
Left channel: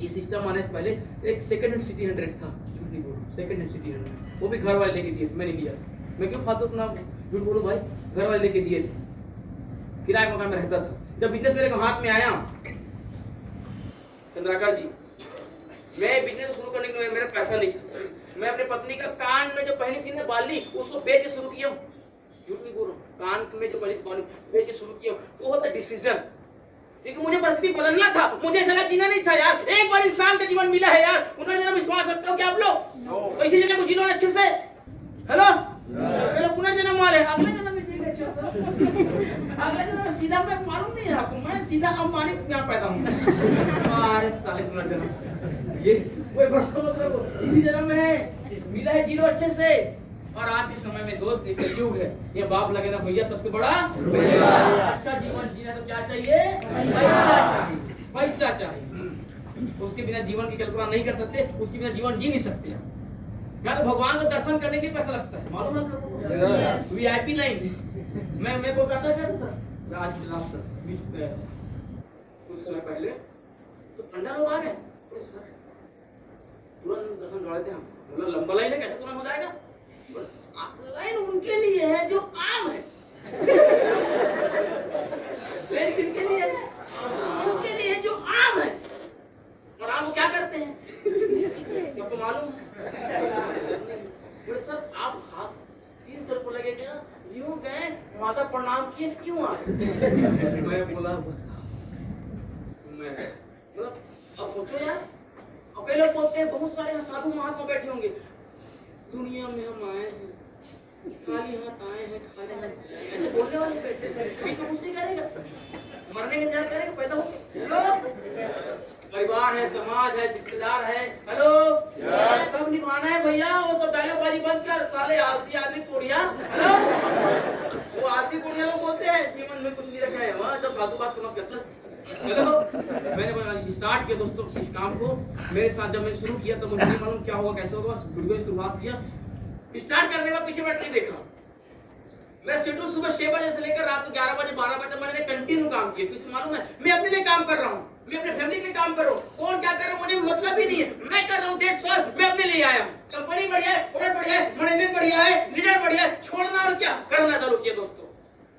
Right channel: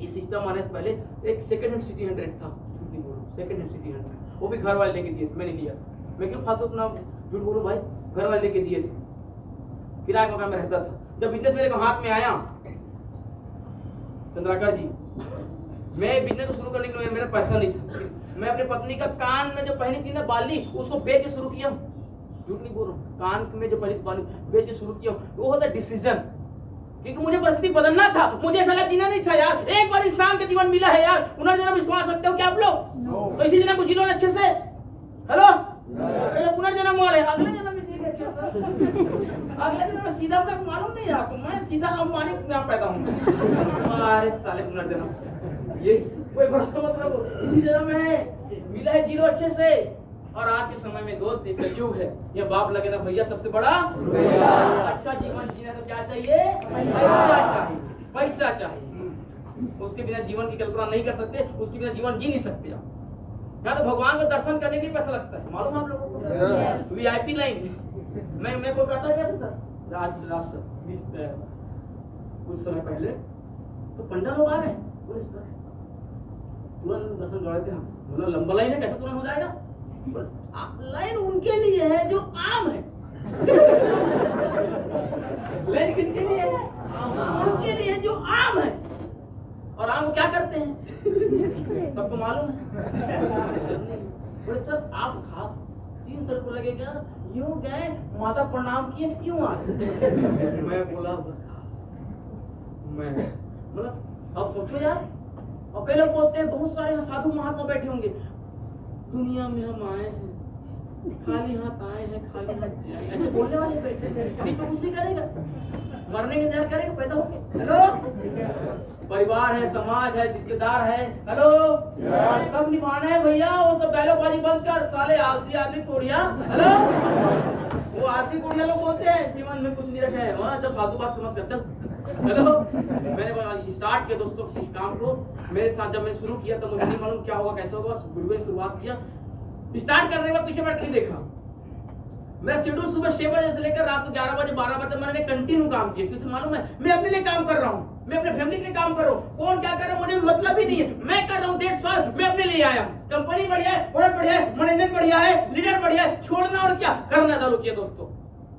ये सिस्टम आने से पहले एक सेकंड हैंड सिटी 100 था। झूठ नहीं बोल रहा हूँ, सेकंड हैंड सिटी 100, वो भी घर वाले लेके दिए थे, मैंने लिया। मैं क्यों फालतू अपना झूठ बोलूं भाई, घर वाले लेके दिए थे, किराए के मकान में रहता था। जब बिजनेस मेरे को हाथ में आया, चंद्राकर जी, मैं बिजनेस शुरू करने के लिए मेरा पैसा नहीं था। मैं अपनी पत्नी का कान में जो पहनी थी ना बाली, उसको बेच के शुरू किया। झूठ नहीं बोल रहा हूँ, कान में जो पहनी थी बाली बेच के शुरू किया। वो होता डिसीजन, क्योंकि मुझे परिस्थिति बदलना था। मुझे ऐसा जीना नहीं था यार। एक बार इंसान का जीवन मिला है यार, पुनर्जन्म विश्वास रखते हो क्या आप लोग? तो इसी जन्म को जी लो अच्छे से। हेलो, ये पुनर्जन्म वाले अगले जन्म में जिएंगे अच्छे से। अगले जन्म में सीधा, मैं मालूम नहीं है आपको, मैं सीधा अंबानी में पैदा हूँ। अरे साले पुनर्जन्म, ये कोई बड़ा मतलब इसी जन्म में है, मिला है, जी लो अच्छे से। और आज के समय में दोस्त एक युग है, ये बाप लगे ना भैया सबसे बड़ा। अच्छा जीवन जीना तो क्या चाहिए? पैसा चाहिए, पैसा चाहिए। उसके बिना जीवन की कल्पना नहीं कर सकते, उसके बिना जीवन जी नहीं सकते। या तो भगवान को दर्शन करने के लिए पैसा लगता है, मालूम है आप लोगों को? VIP line. मैं कोलकाता गया था सर, लास्ट कुछ समय पहले, तो पंडा लोग आ रहे हैं, बोले सर तुरंत दर्शन कर लेते हैं। बोला लंबा लाइन है, कैसे तुरंत हो जाएगा? लाइन उनके लिए है जो आम है। लाइन किनके लिए है? उनके लिए जो आम है। और आम क्या करते हैं सबको मालूम है। बोले सर आप खास 300 रुपये लगेगा, यूं गए माता प्रणाम किए, क्यों आए? मैं बोला मैं मतलब अब सोचो यार, और पहले बोलते हैं बहुत सारे साधु महात्मा बैठे होंगे, दुनिया में हम आए हैं खाली हाथ आए हैं, खाली हाथ, ऐसे बोलने वाले बैठे हैं। अभी तो कुछ नहीं करेगा, मरने के इंतजार करेगा, पैदा हो गया। हेलो, परिवार है, समाज है, रिश्तेदार है, हेलो सब निभाना है भैया। वो सब डायलॉग बाजी बंद कर, साले आलसी आदमी कोड़िया। हेलो, वो आलसी कोड़िया लोग बोलते हैं जीवन में कुछ नहीं रखा है, वहाँ सब फालतू बात मत कर, चल। हेलो, मैंने स्टार्ट किया दोस्तों इस काम को। मेरे साथ जब मैंने शुरू किया तो मुझे नहीं मालूम क्या होगा कैसे होगा, बस शुरुआत किया। स्टार्ट करने में पीछे बैठ नहीं देखा। मेरा शेड्यूल सुबह 6 बजे से लेकर रात को 11 बजे 12 बजे मैंने कंटिन्यू काम किया। कुछ मालूम है, मैं अपने लिए काम कर रहा हूँ, मैं अपने फैमिली के लिए काम कर रहा हूँ। कौन क्या कर रहा है मुझे मतलब ही नहीं है, मैं कर रहा हूँ। दैट्स ऑल, मैं अपने लिए आया हूँ। कंपनी बढ़िया है, प्रोडक्ट बढ़िया है, मैनेजमेंट बढ़िया है, लीडर बढ़िया है, छोड़ना और क्या करना चालू किया दोस्तों।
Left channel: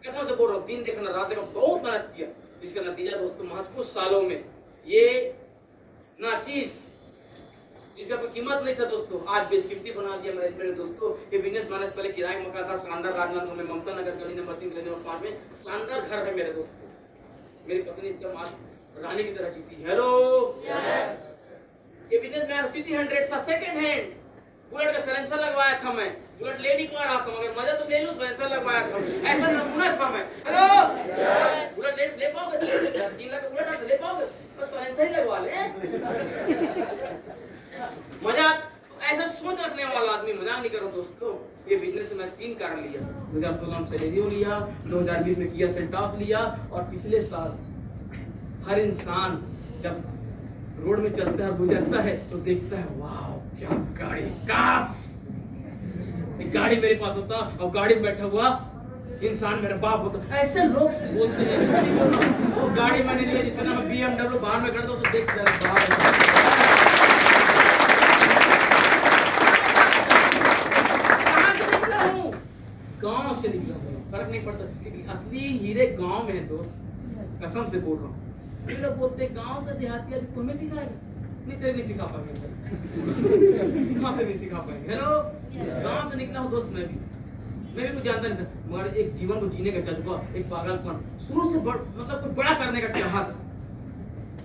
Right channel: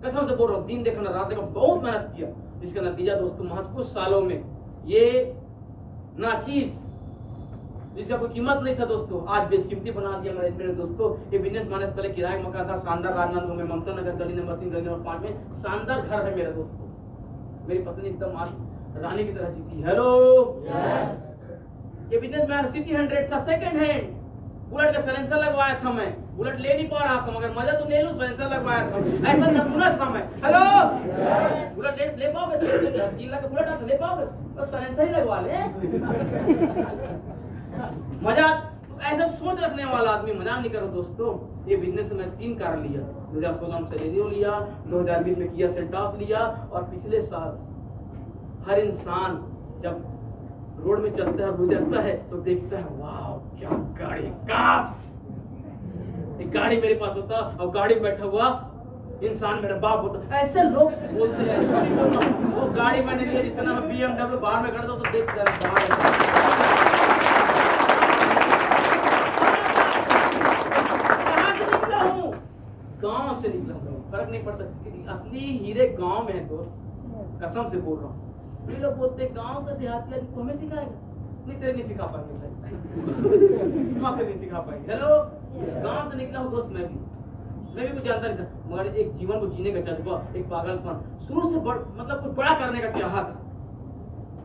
कसम से बोल रहा हूँ, दिन देखा रात देखा, बहुत मेहनत किया। इसका नतीजा दोस्तों महज कुछ सालों में ये नाचीज जिसका कोई कीमत नहीं था दोस्तों, आज बेशकीमती बना दिया मेरे दोस्तों। ये बिजनेस मैंने पहले किराए का मकान था, शानदार राजनांदपुर में, ममता नगर गली नंबर 3 गली नंबर 5 में शानदार घर है मेरे दोस्तों। मेरी पत्नी एकदम आज रानी की तरह जीती। हेलो, ये बिजनेस मेरा सिटी 100 था, सेकंड हैंड। बुलेट का साइलेंसर लगवाया था मैं, बुलेट ले नहीं पा रहा था मगर मजा तो ले लूं, साइलेंसर लगवाया था, ऐसा नमूना था मैं। हेलो, बुलेट ले पाओगे? 3 लाख का बुलेट आता ले पाओगे? तो साइलेंसर ही लगवा ले। मजा ऐसा सोच रखने वाला आदमी, मजाक नहीं करो दोस्तों। ये बिजनेस में मैं 3 कार लिया, 2016 में सेलेरियो लिया, 2020 में किया सेल्टॉस लिया, और पिछले साल हर इंसान जब रोड में चलता है गुजरता है तो देखता है वाह क्या गाड़ी, काश एक गाड़ी मेरे पास होता और गाड़ी में बैठा हुआ इंसान मेरा बाप होता। ऐसे लोग बोलते हैं। वो गाड़ी मैंने लिया जिसका नाम है BMW, बाहर में खड़ा था तो देख गांव से निकला हूँ, फर्क नहीं पड़ता क्योंकि असली हीरे गांव में है दोस्त, कसम से बोल रहा हूँ। लोग बोलते गांव का देहाती आदमी तुम्हें सिखाएगा, नहीं तेरे नहीं सिखा पाएंगे, वहाँ पे नहीं सिखा पाएंगे। हेलो, गांव से निकला हूँ दोस्त, मैं भी कुछ जानता नहीं था, मगर एक जीवन को जीने का जज्बा, एक पागलपन, शुरू से मतलब कुछ बड़ा करने का चाहत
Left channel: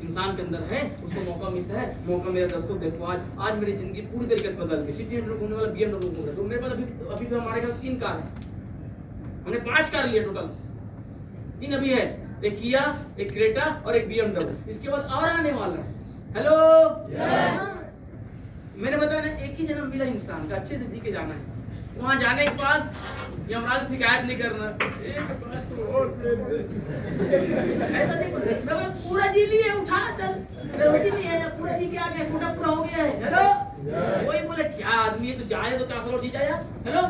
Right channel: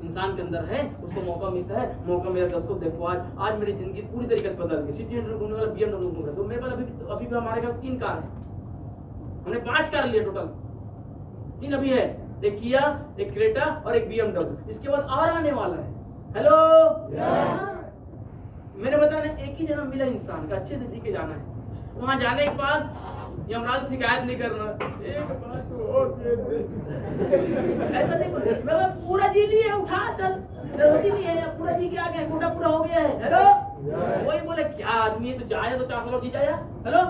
इंसान के अंदर है, उसको मौका मिलता है। मौका मेरे दोस्तों देखो, आज मेरी जिंदगी पूरी तरीके से बदल गई। सिटी 100 घूमने वाला BMW घूम रहा है, तो मेरे पास अभी भी हमारे घर 3 कार है, हमने 5 कार लिए टोटल, 3 अभी है, एक किया, एक क्रेटा और एक BMW। इसके बाद और आने वाला है। हेलो, मैंने बताया ना, एक ही जन्म मिला इंसान का, अच्छे से जी के जाना है। वहां जाने के बाद यमराज से शिकायत नहीं करना, ऐसा नहीं बोलते, मैं पूरा जी लिए, उठा चल, जरूरी नहीं है, पूरा जी के आ गया, कोटा पूरा हो गया है। हेलो, वही बोले क्या आदमी है, तो जाए तो 400 लोग जी जाए यार। हेलो,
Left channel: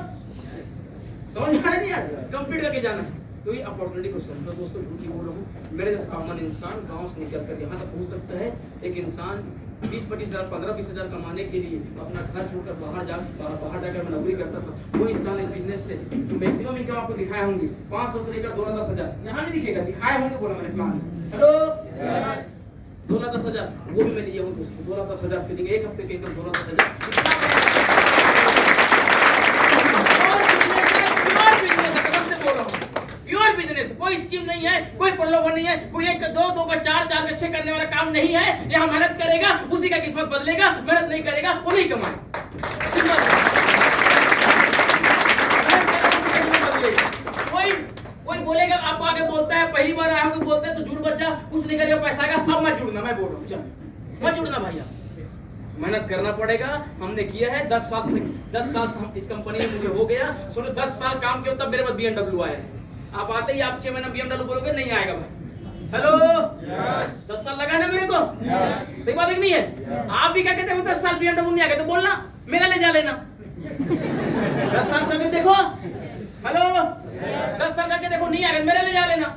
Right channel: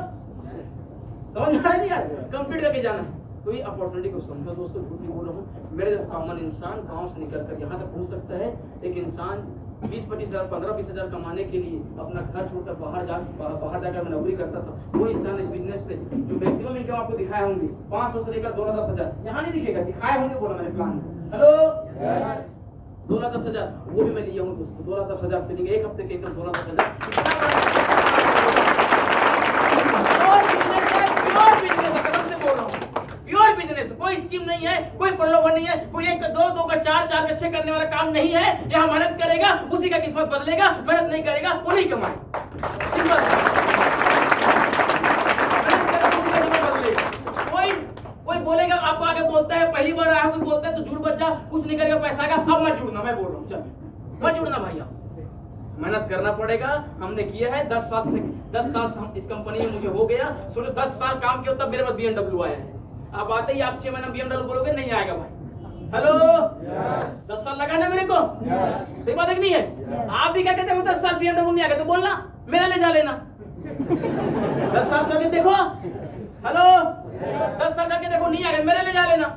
समझ में आ रही है यार, कंप्लीट करके जाना है। तो ये अपॉर्चुनिटी को समझो दोस्तों, झूठ नहीं बोल रहा हूँ। मेरे जैसा कॉमन इंसान गांव से निकल कर यहाँ तक पहुँच सकता है। एक इंसान 20-25 हज़ार 15-20 हज़ार कमाने के लिए अपना घर छोड़कर बाहर जाकर नौकरी करता था। वो इंसान इस बिजनेस से जो मैक्सिमम इनकम आपको दिखाए होंगे 500 से लेकर 2-10 हज़ार, यहाँ नहीं दिखेगा, दिखाए होंगे, बोला मैंने प्लान। हेलो, 2-10 हज़ार वो भी मैं लिया हूँ दोस्तों। 2-10 हज़ार से एक हफ्ते के इनकम 2-10 हज़ार प्योर बिजनेस। कोई स्कीम नहीं है, कोई प्रलोभन नहीं है, कोई 1 का 2, 2 का 4, 4 का 6 करने वाला काम नहीं है। यहाँ मेहनत करेगा उसी का किस्मत बदलेगा, मेहनत नहीं करेगा वो नहीं कमाएगा। कोई बोलेगा, आपको आगे बोलता है पहली बार आया हूँ, बोलता है तो झूठ बच्चा कुछ नहीं करेगा, पैसा आएगा। अब मत जुड़ना, मैं बोल रहा हूँ, चल मत जुड़ना भैया, मेहनत करना पड़ेगा। हमने किया है 10 साल से इस कंपनी में मुझे हो गया। सोचो 10 साल काम किया तब मेरे पास BMW आया है। आप आते ही आप 6 महीना BMW बोलोगे, नहीं आएगा भाई। हेलो, 10 साल लगा ना मेरे को, सही बात है कि नहीं है? आप भी क्या कहते हो 10 साल BMW नहीं आएगा तो बोलना मेरा ले जा लेना। 10 साल करके देखो, हेलो 10 साल करके देखो, नहीं आएगा मेरा ले जा लेना।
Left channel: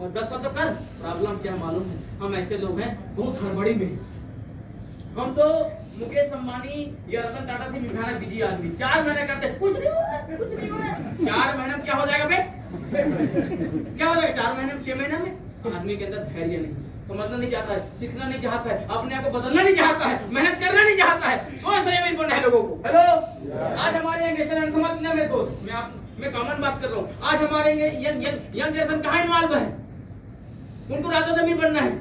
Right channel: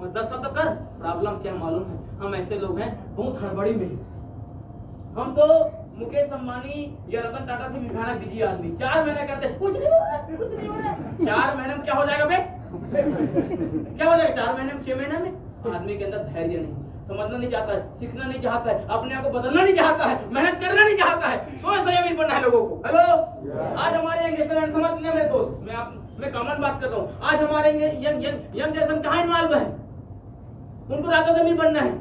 और 10 साल तो कर, प्रॉब्लम क्या मालूम है? हम ऐसे लोग हैं बहुत हड़बड़ी में। हम तो मुकेश अंबानी या रतन टाटा से भी भयानक बिजी आदमी। 4 महीने करते कुछ नहीं हो रहा, कुछ नहीं हो रहा। 4 महीने में क्या हो जाएगा बे? क्या हो जाएगा 4 महीने में, 6 महीने में? आदमी के अंदर धैर्य नहीं, समझना नहीं चाहता है, सीखना नहीं चाहता है, अपने आप को बदलना नहीं चाहता है, मेहनत करना नहीं चाहता है, सोच अमीर बनना है लोगों को। हेलो, आज हमारे यंग समझना मेरे दोस्त, मैं कॉमन बात कर रहा हूँ। आज हमारे यंग जनरेशन कहाँ इन्वॉल्व है? उनको रातों अमीर बनना है।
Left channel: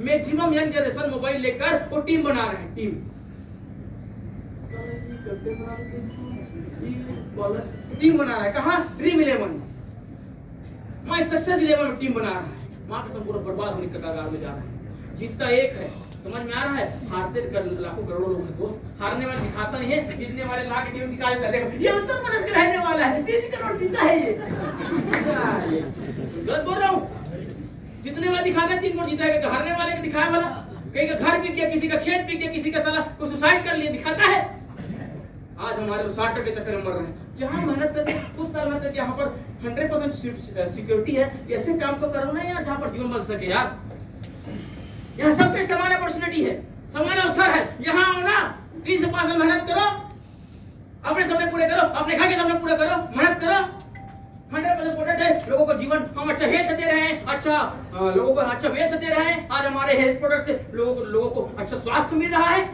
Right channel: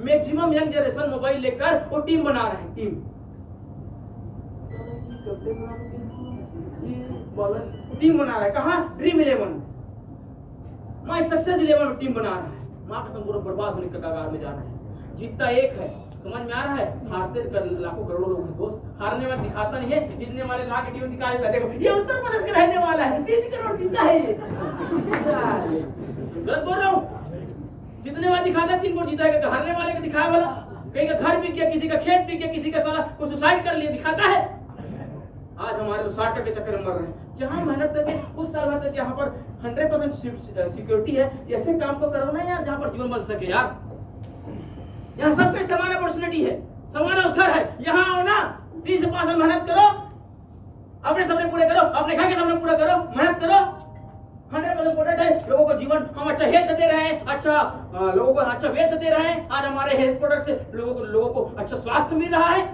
मैक्सिमम यंग जनरेशन मोबाइल लेकर वो टीम बना रहे हैं, टीम बना रहा है। कहाँ? ड्रीम 11 माय सक्सेस 11 में टीम बना रहा है। माँ कसम पूरा बर्बाद होने के कगार में जा रहा है। जीतता एक है, समझ में आ रहा है? हारते लाखों करोड़ों लोग हैं दोस्त। हारने वाला दिखाता नहीं है, जीतने वाले लाख टीम निकाल देखो, ये उत्तर प्रदेश के रहने वाला है, 3 करोड़ जीता है ये। गलत बोल रहा हूँ? जितने वाले दिखाता है 3 करोड़ जीता है, हारने वाले के दिखाए वाला कहीं का घर बिक गया, किसी का खेत बिक गया, किसी का साला कोई सुसाइड कर लिया, दिखाता है। आज हमारे लोग 60 के चक्कर में मर रहे हैं। जहाँ मेहनत करके कुछ साल में यहाँ पर 100% सिक्योरिटी है, ऐसे काम को करो ना यार जहाँ पर जीवन बन सके यार। यहाँ सबके समान अपॉर्चुनिटी है, समान अवसर है। यहाँ आओ ना, 3 से 5 साल मेहनत करो, अपने सपने पूरे करो, अपने घर के सपने पूरे करो, मेहनत करो। 100% प्रोडक्ट है। लोगों को जीवन हम अच्छा हेल्थ दे रहे हैं, लोगों को अच्छा वेल्थ दे रहे हैं। आज हमारे हेल्थ प्रोडक्ट से लोगों को अच्छा स्वास्थ्य मिल रहा है।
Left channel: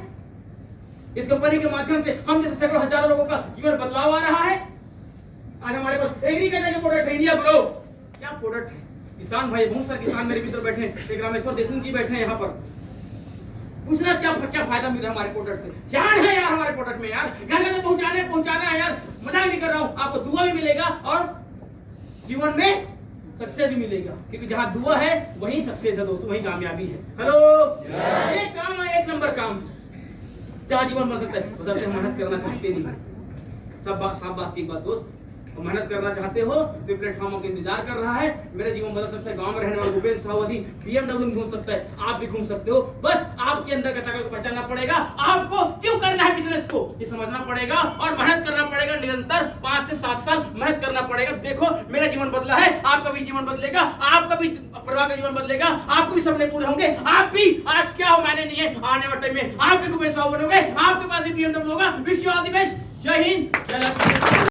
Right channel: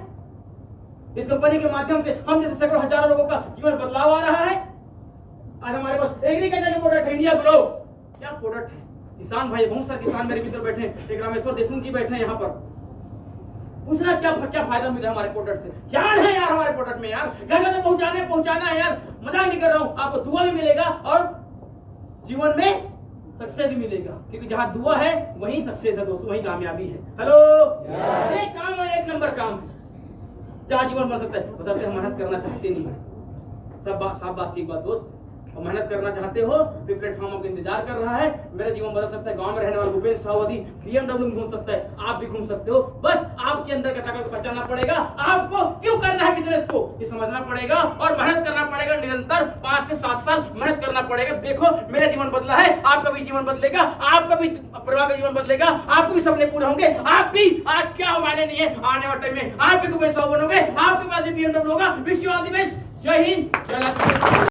इस कंपनी के माध्यम से हम जैसे सैकड़ों हजारों लोगों का जीवन बदलाव आ रहा है। आज हमारे पास एग्रीकल्चर के प्रोडक्ट है, इंडिया ग्रो क्या प्रोडक्ट है। किसान भाई, बहुत सारे किसान मेरे मित्र बैठे हैं, एक रामेश्वर देशमुख जी बैठे हैं यहाँ पर। पूछना क्या फायदा मिल रहा है हमारे प्रोडक्ट से? जान है यार हमारे प्रोडक्ट में यार, घर घर पहुंचाना है यार। मजाक नहीं कर रहा हूँ, आपको दुआ भी मिलेगा और जीवन में सक्सेस भी मिलेगा, क्योंकि जहाँ दुआ है वही सक्सेस है दोस्तों, वही कामयाबी है। हेलो, एक काम है, 1 नंबर काम, जहाँ जीवन बन सकता है। मतलब मेहनत करना चाहते नहीं है, सब बात की बात दोस्त, और मेहनत करना चाहते हो तो प्लेटफॉर्म का इंतजार कर रहा है। मेरा जीवन बदल सकता है। गांव में रहने वाला भूपेंद्र सावधी BMW में घूम सकता है, आप भी घूम सकते हो। बस आपके अंदर का ताकत को पहचानना पड़ेगा, आपको क्यों करना है बिजनेस को ये समझना पड़ेगा और मेहनत करना पड़ेगा। निरंतर 5 से 7 साल मेहनत करना पड़ेगा। देखो मेरा जीवन बदला है, आपका भी जीवन बदलेगा, आपका भी परिवार का जीवन बदलेगा, आपके भी सपने पूरे होंगे। आप भी आज क्या हो मायने नहीं है, आने वाले टाइम में आप भी भूपेंद्र साहब बनोगे, आपके पास भी BMW होगा। Wish you all the best. जय हिंद, जय भारत।